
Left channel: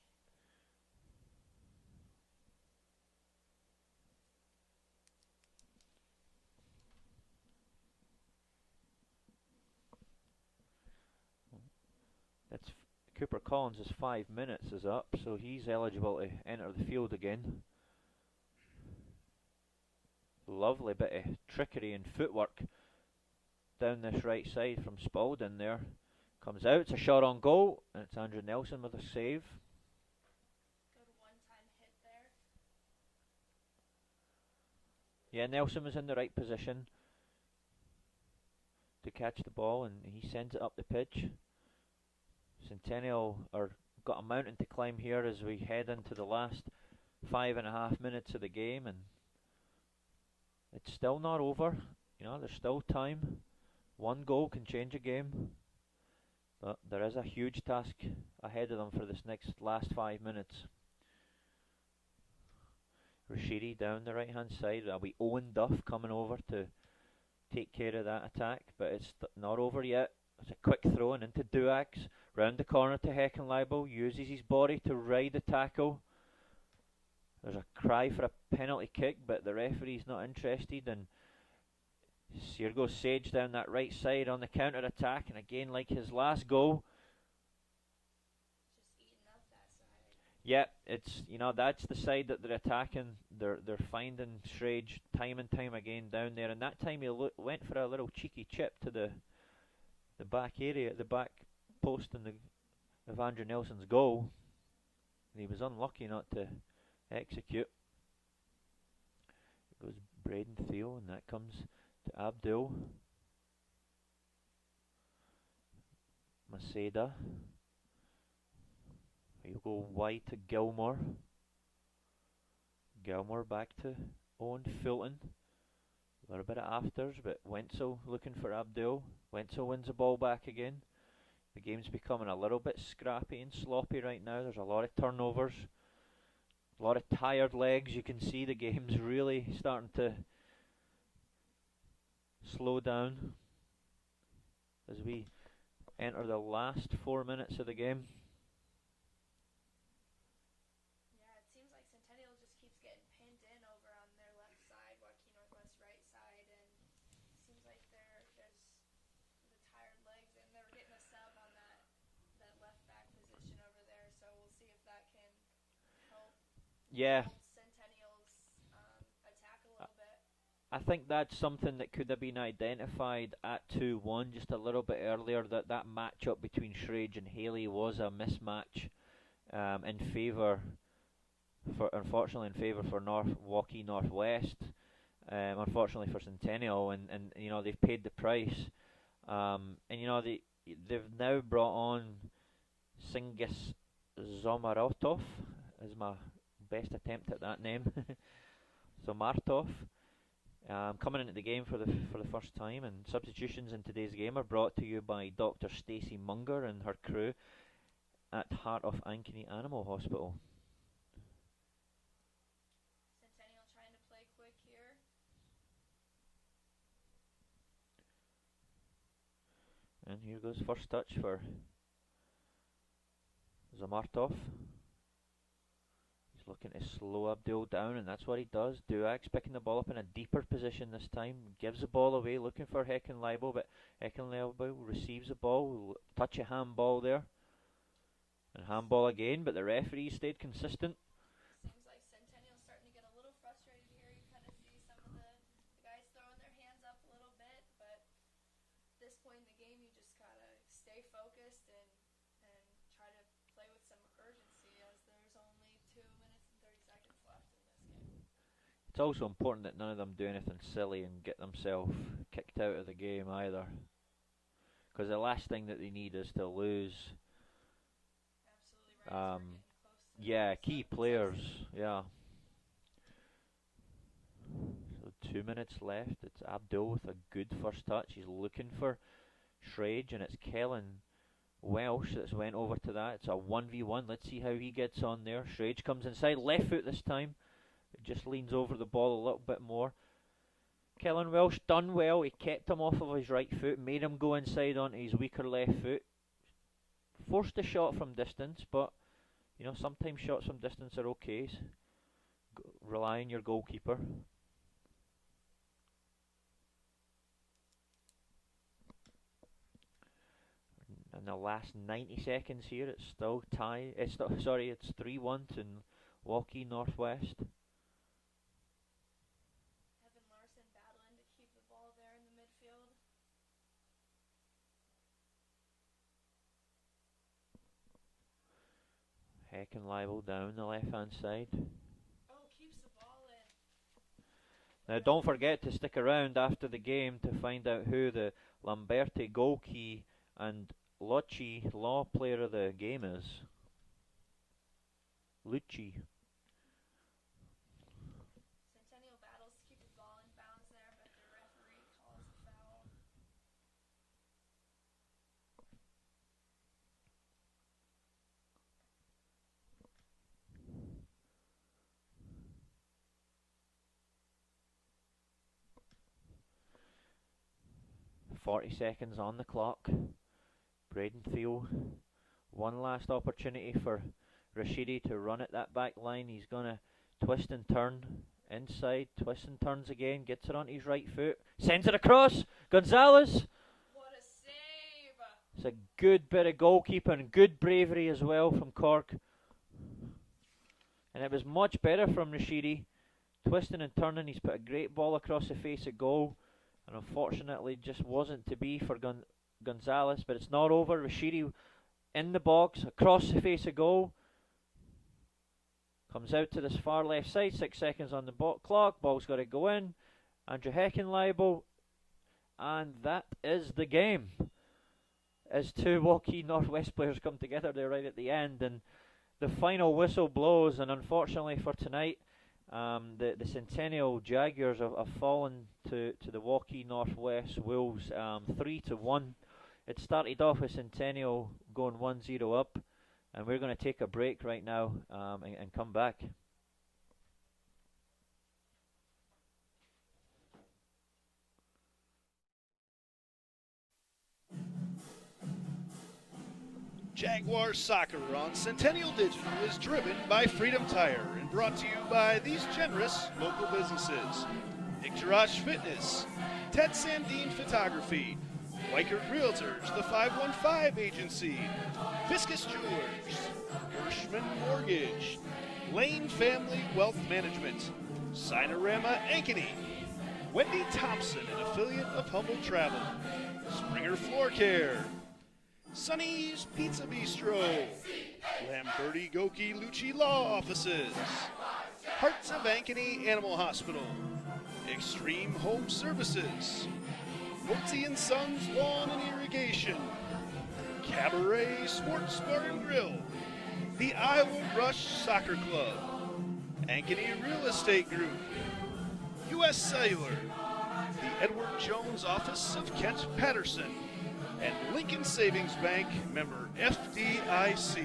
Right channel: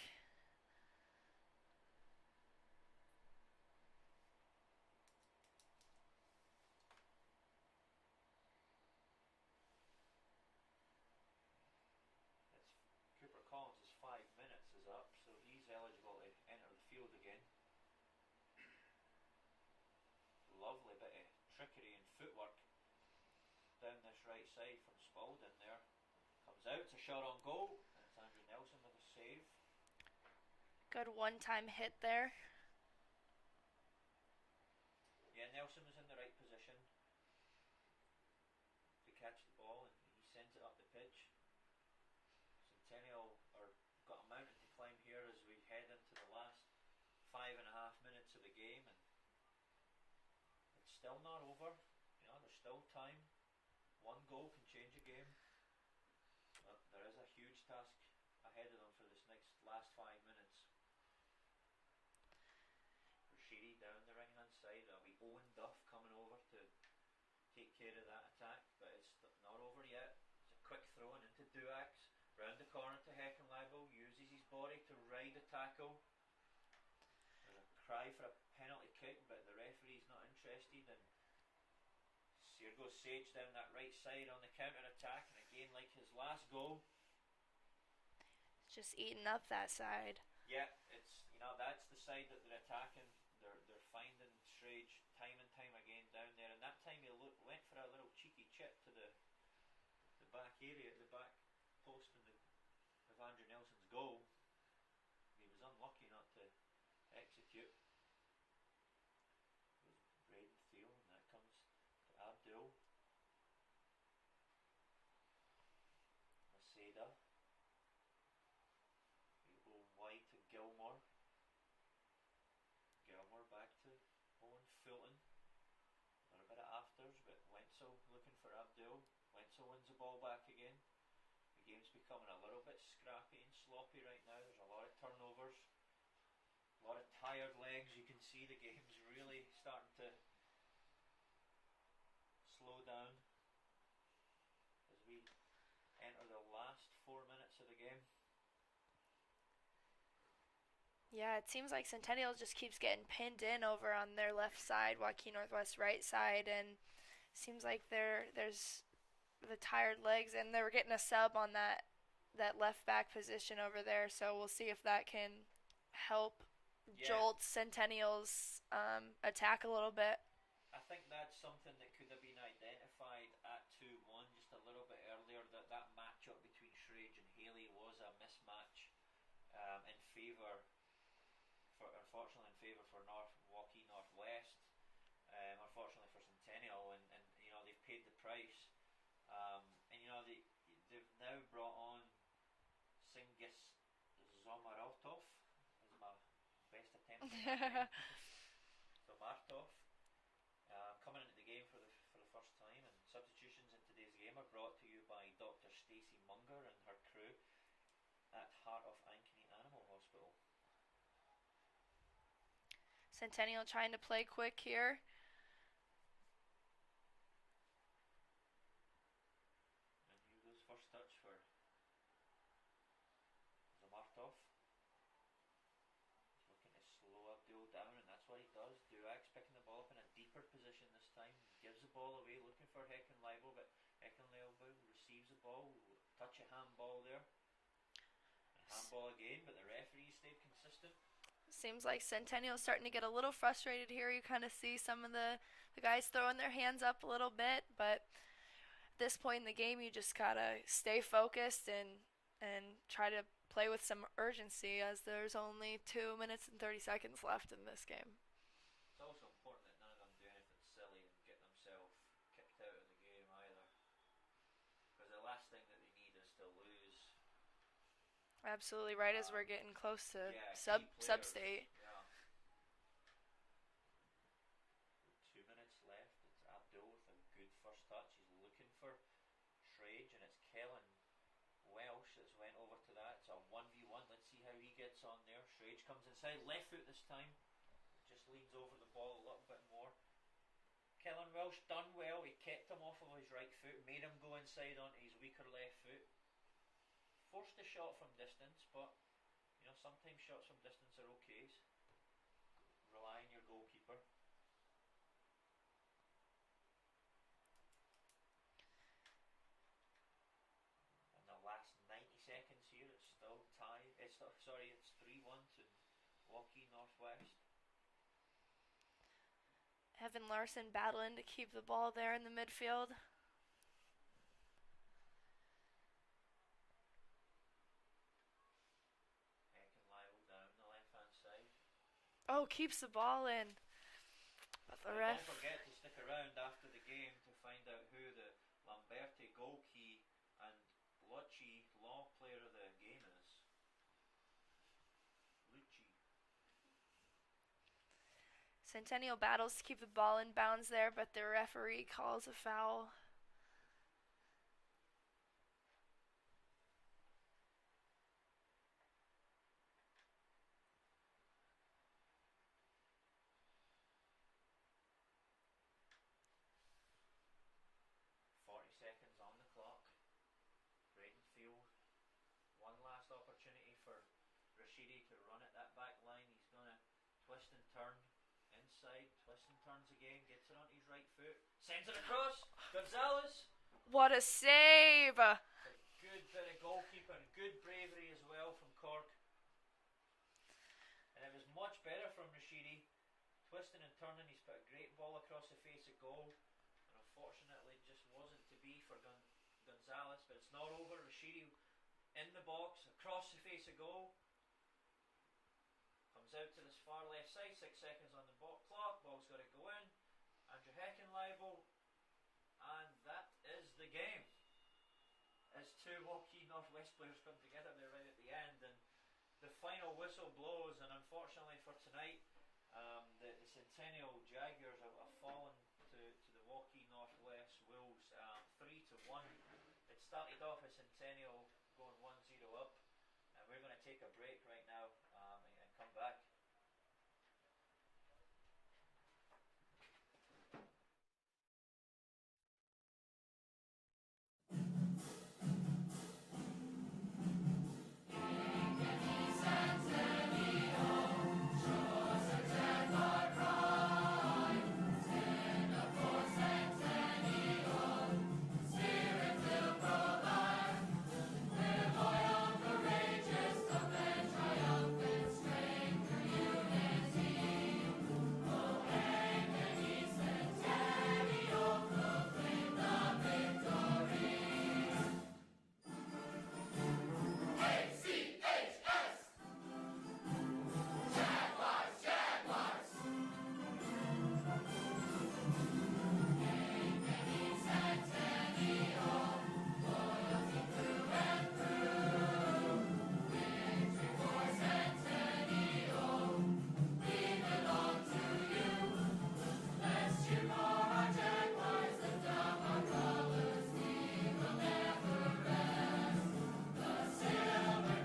It's Cooper Collins' 5 minutes is up, so he's eligible to enter the field again. Lovely bit of trickery and footwork down this right side from Spalding there. Comes out, it's a shot on goal, and it's Andrew Nelson with a save. Good one-time hit there. Yeah, Nelson was in the right position to catch the ball, and he sends it up the pitch. Centennial are got a mountain to climb here as we head into the last 5.5 minutes of the game, and it's still not over. You know, there's still time. One goal can change a game, but there is a huge task ahead of them for this last 5 minutes. Rashidi down the right hand side. That'll be Owen Duff coming over to take care of that attack, but it's not over yet. It's a quick throw in into Duax, round the corner to Heckenleibel, uses his body to ride the tackle. There's a cry for a penalty kick, but the referee's not interested, and here goes Sage down that right side on the counter attack, and again, like his last goal, Just eating up that side. Yeah, it's that's the side that they're attacking. They're finding Schrage time and time again down there, and that time he went for a little cheeky chip to the back area, the back post, and of Andrew Nelson's goal. And he was unlucky not to execute. It goes Braden Theo, and that comes to Abdul Maceda. He'll go wide to Gilmore. Gilmore back to Owen Fulton. A little bit of afters, but Wenzel looking for Abdul. Wenzel wins the ball back again. The game's becoming a little bit scrappy and sloppy right now. There's a lot of turnovers, a lot of tired legs. You can see the game's really starting to slow down as we enter the last 4 minutes of the game. Yeah, it seems like Centennial just keeps getting pinned in over on their left side, Waukee Northwest right side, and seems like there's the tired legs, and they were getting a sub on that left back position over there. So we'll see if that can help jolt Centennial's attack a little bit. I think that's something that could have been identified at 2-1 just a little bit earlier, that matchup between Schrage and Haley was a mismatch in favour, unfortunately in favour for Waukee Northwest, unfortunately for Centennial, and they've paid the price, and they've now brought on Singis Zomarotov, is my best attempt at that name. Zomartov. Coming into the game for the first time, and substitutions in today's game are brought to you by Dr. Stacey Munger and her crew at Heart of Ankeny Animal Hospital. Centennial trying to play quick here. And here goes first touch for Zamartov. He's looking to slow Abdul down, and that's what he does. Duax picking the ball up in a deeper position this time. Gives the ball away, looking for Heckenleibel, but Heckenleibel receives the ball. Touch a handball there. And handball again, but the referee stayed consistent. Seems like Centennial's starting to get a little frustrated here. You kind of see some of the guys throwing their hands up a little bit, but at this point in the game, you just gotta stay focused and try to play with some urgency, as there's only 2 minutes and 30 seconds left in this game. It's also important that none of them do anything silly and get themselves kicked out of the game either, because the last thing that they need is to lose. Absolutely right, as we're getting close to key players. Sub-state. Yeah. So 2 minutes left. It's Abdul with a good first touch. He's looking for Schrage, and it's Kellen Welsh that's went over to that. It's a 1v1. Let's see how he gets on there. Schrage comes inside, left foot this time. It just leans over the ball a little bit more. Kellen Welsh done well. He kept him off of his right foot, made him go inside onto his weaker left foot. Forced a shot from distance, but sometimes shots from distance are okay. Rely on your goalkeeper. In the last 90 seconds here, it's still tie. It's 3-1 to Waukee Northwest. Evan Larson battling to keep the ball there in the midfield. Heckenleibel down the left hand side. Oh, keeps the ball in. Now don't forget to stick around after the game to find out who the Lamberti goalkeeper and Lucci Law player of the game is. Lucci. Centennial battles to keep the ball in bounds there, but the referee calls a foul. .40 seconds on the clock. Braden Theo, one last opportunity for Rashidi to run at that back line. He's going to twist and turn inside, twists and turns again, gets it on his right foot, sends it across. Gonzalez. What a save! It's a good bit of goalkeeping and good bravery as well from Cork. And it was much better from Rashidi. Twisting and turning, he's put a great ball across the face at goal. And unfortunately, just wasn't to be for Gonzalez. But it's not over. Rashidi in the box, across the face of goal. Comes out to this far left side, 6 seconds on the clock. Ball's got to go in. Andrew Heckenleibel. And that is the game. As two Waukee Northwest players come together there right at the end. And the final whistle blows. And unfortunately for tonight, the Centennial Jaguars have fallen to the Waukee Northwest Wolves 3-1. It started off with Centennial going 1-0 up. And we're going to take a break right now and come back. Jaguar Soccer on Centennial Digital is driven by Freedom Tire and brought to you by these generous local businesses. Icturash Fitness, Ted Sandine Photography, Weichert Realtors, the 515 Agency, Fiscus Jewelers, Bushman Mortgage, Lane Family Wealth Management, Sinorama Ankeny, Wendy Thompson, affiliate of Humble Travel, Springer Floor Care, Sonny's Pizza Bistro, Lamberti Goki Lucci Law Offices, Hearts of Ankeny Animal Hospital, Extreme Home Services, Woodsy and Sons Lawn and Irrigation, Cabaret Sports Bar and Grill, the Iowa Rush Soccer Club, Ankeny Real Estate Group, U.S. Cellular, Edward Jones Office of Kent Patterson, and Lincoln Savings Bank, member FDIC.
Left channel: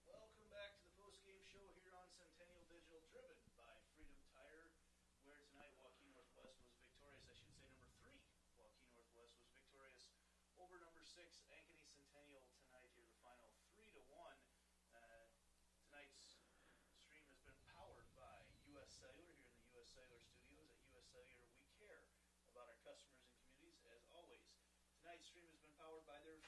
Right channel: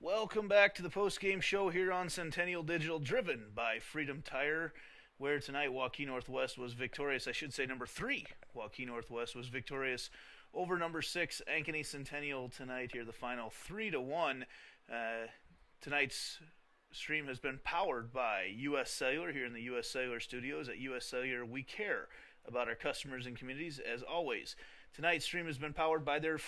Welcome back to the post-game show here on Centennial Digital, driven by Freedom Tire, where tonight Waukee Northwest was victorious. I should say number 3, Waukee Northwest was victorious over number 6, Ankeny Centennial tonight here, the final 3-1. Tonight's stream has been powered by U.S. Cellular here in the U.S. Cellular studios. At U.S. Cellular, we care about our customers and communities as always. Tonight's stream has been powered by their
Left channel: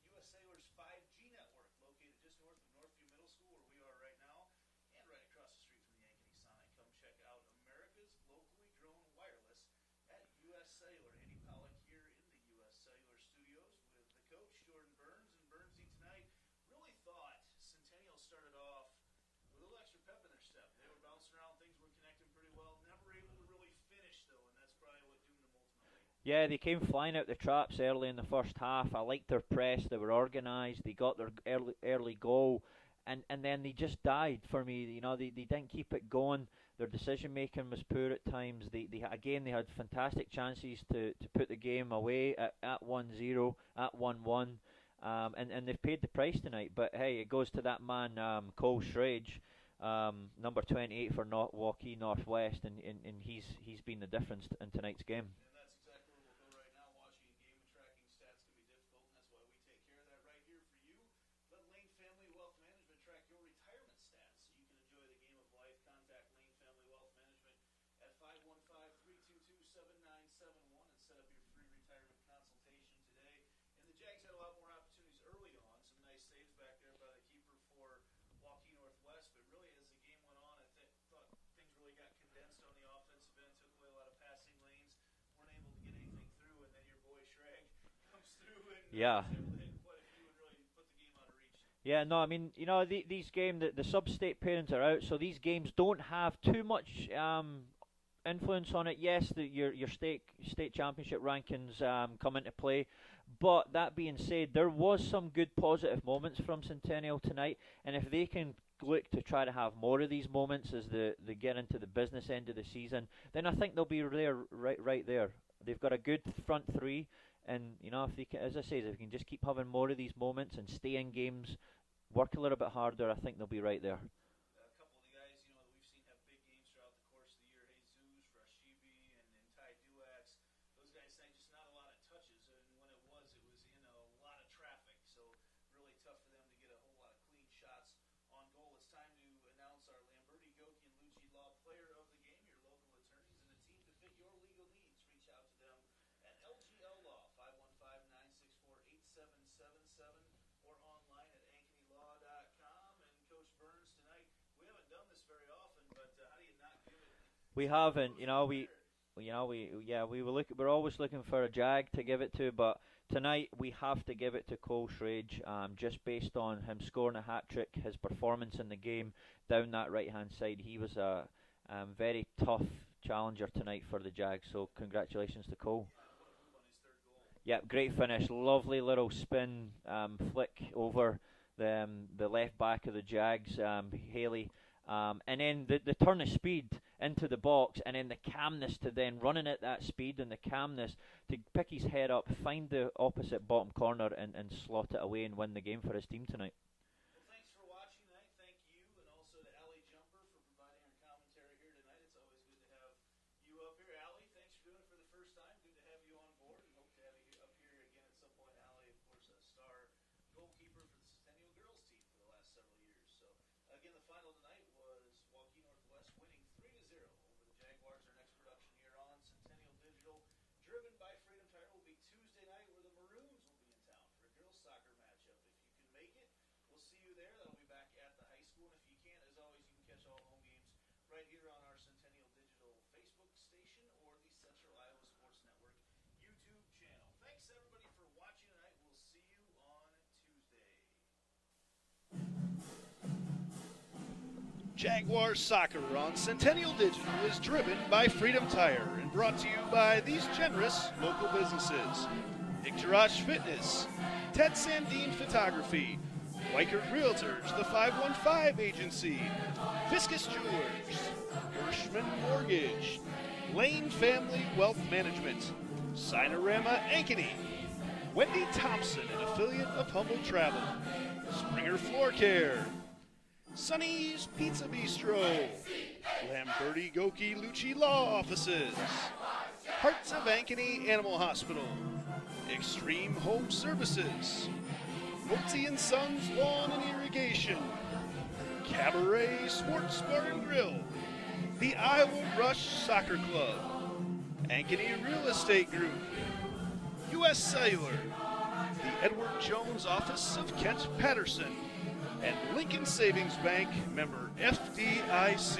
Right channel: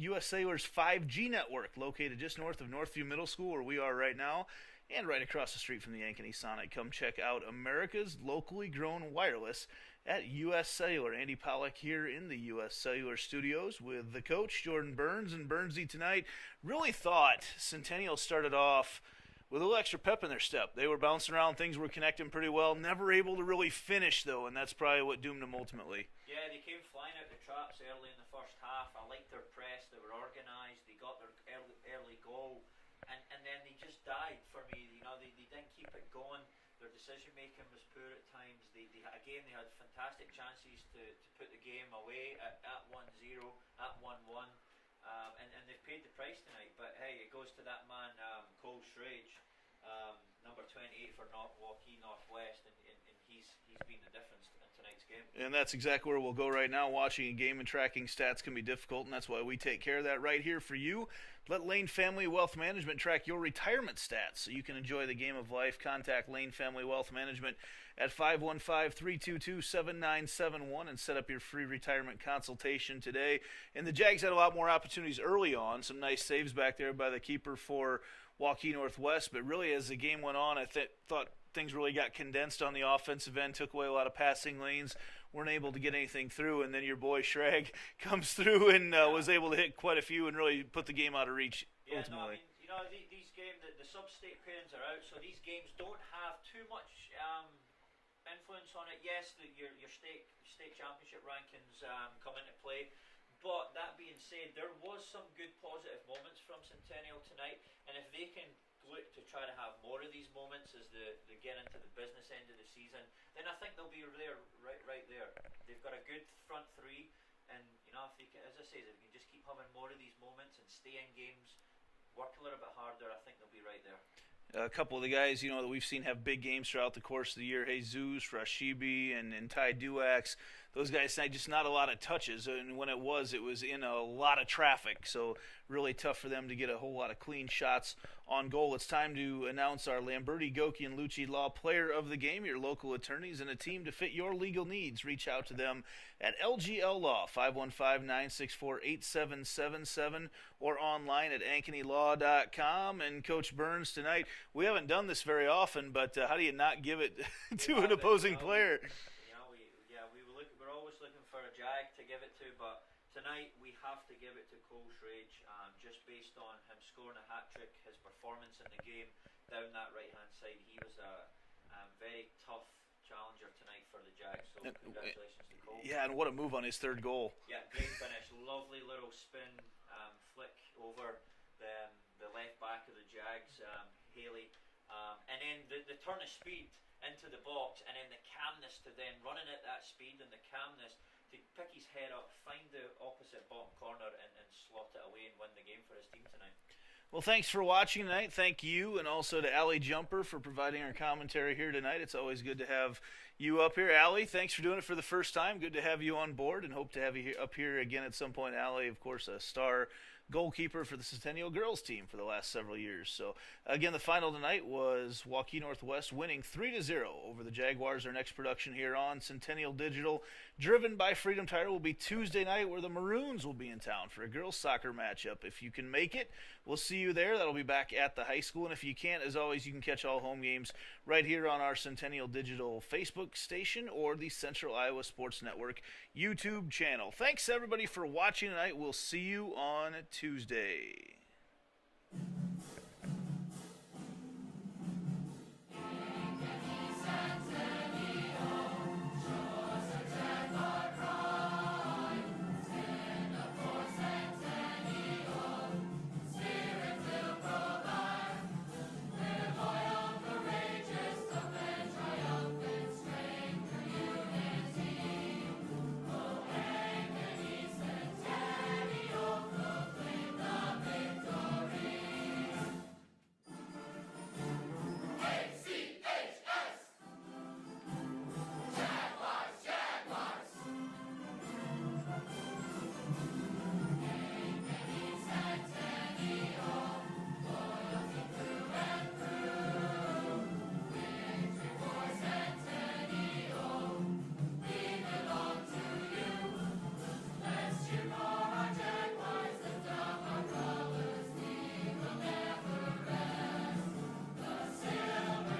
U.S. Cellular's 5G network, located just north of Northview Middle School, where we are right now, and right across the street from the Ankeny Sonic. Come check out America's locally grown wireless at U.S. Cellular. Andy Pollack here in the U.S. Cellular studios with the coach, Jordan Burns. And Burnsy tonight really thought Centennial started off with a little extra pep in their step. They were bouncing around, things were connecting pretty well, never able to really finish, though, and that's probably what doomed them ultimately. Yeah, they came flying out the traps early in the first half. I liked their press. They were organised. They got their early goal. And then they just died for me. You know, they didn't keep it going. Their decision making was poor at times. They had fantastic chances to put the game away at 1-0, at 1-1, and they've paid the price tonight. But hey, it goes to that man Cole Shrage, number 28 for Waukee Northwest, and he's been the difference in tonight's game. And that's exactly where we'll go right now. Watching a game and tracking stats can be difficult, and that's why we take care of that right here for you. Let Lane Family Wealth Management track your retirement stats so you can enjoy the game of life. Contact Lane Family Wealth Management at 515-322-7971 and set up your free retirement consultation today. And the Jags had a lot more opportunities early on. Some nice saves back there by the keeper for Waukee Northwest. But really, as the game went on, I thought things really got condensed on the offensive end, took away a lot of passing lanes. Weren't able to get anything through, and then your boy Shrag comes through and was able to hit quite a few and really put the game out of reach. Yeah, ultimately. no, I mean, you know, these games, the sub-state parents are out, so these games don't have too much influence on it. Yes, your state championship rankings come into play, but that being said, there was some good positive moments from Centennial tonight, and if they can look to try to have more of these moments as they get into the business end of the season, then I think they'll be there right there. They've got a good front three, and you know, if they can, as I say, if they can just keep having more of these moments and stay in games, work a little bit harder, I think they'll be right there. A couple of the guys, you know, that we've seen have big games throughout the course of the year, Jesus, Rashibi, and Ty Duax. Those guys had just not a lot of touches, and when it was in a lot of traffic. So really tough for them to get a whole lot of clean shots On goal, it's time to announce our Lamberti, Goki, and Lucci Law Player of the Game, your local attorneys, and a team to fit your legal needs. Reach out to them at LGL Law, 515-964-8777, or online at AnkenyLaw.com. And Coach Burns, tonight, we haven't done this very often, but how do you not give it to an opposing player? We're always looking for a Jag to give it to, but tonight we have to give it to Cole Schrage, just based on him scoring a hat-trick, his performance in the game down that right-hand side. He was a very tough challenger tonight for the Jags, so congratulations to Cole. Yeah, and what a move on his third goal. Yeah, great finish. Lovely little spin flick over the left back of the Jags, Haley. And then the turn of speed into the box, and then the calmness to then running at that speed, and the calmness to pick his head up, find the opposite bottom corner, and slot it away and win the game for his team tonight. Well, thanks for watching tonight. Thank you, and also to Allie Jumper for providing our commentary here tonight. It's always good to have you up here. Allie, thanks for doing it for the first time. Good to have you on board, and hope to have you up here again at some point. Allie, of course, a star goalkeeper for the Centennial girls team for the last several years. So, again, the final tonight was Waukee Northwest winning 3-0 over the Jaguars. Our next production here on Centennial Digital, driven by Freedom Tire, will be Tuesday night, where the Maroons will be in town for a girls soccer matchup. If you can make it, we'll see you there. That'll be back at the high school. And if you can't, as always, you can catch all home games right here on our Centennial Digital Facebook station or the Central Iowa Sports Network YouTube channel. Thanks, everybody, for watching tonight. We'll see you on Tuesday. Jaguars Soccer on Centennial Digital is driven by Freedom Tire and brought to you by these generous local businesses: Icturash Fitness, Ted Sandine Photography, Weichert Realtors, the 515 Agency, Fiscus Jewelers, Hirschman Mortgage, Lane Family Wealth Management, Sinorama Ankeny, Wendy Thompson, affiliate of Humble Travel, Springer Floor Care, Sonny's Pizza Bistro, Lamberti, Goki, Lucci Law Offices, Hearts of Ankeny Animal Hospital, Extreme Home Services, Woodsy and Sons Lawn and Irrigation, Cabaret Sports Bar and Grill, the Iowa Rush Soccer Club, Ankeny Real Estate Group, U.S. Cellular, Edward Jones Office of Kent Patterson, and Lincoln Savings Bank, member FDIC.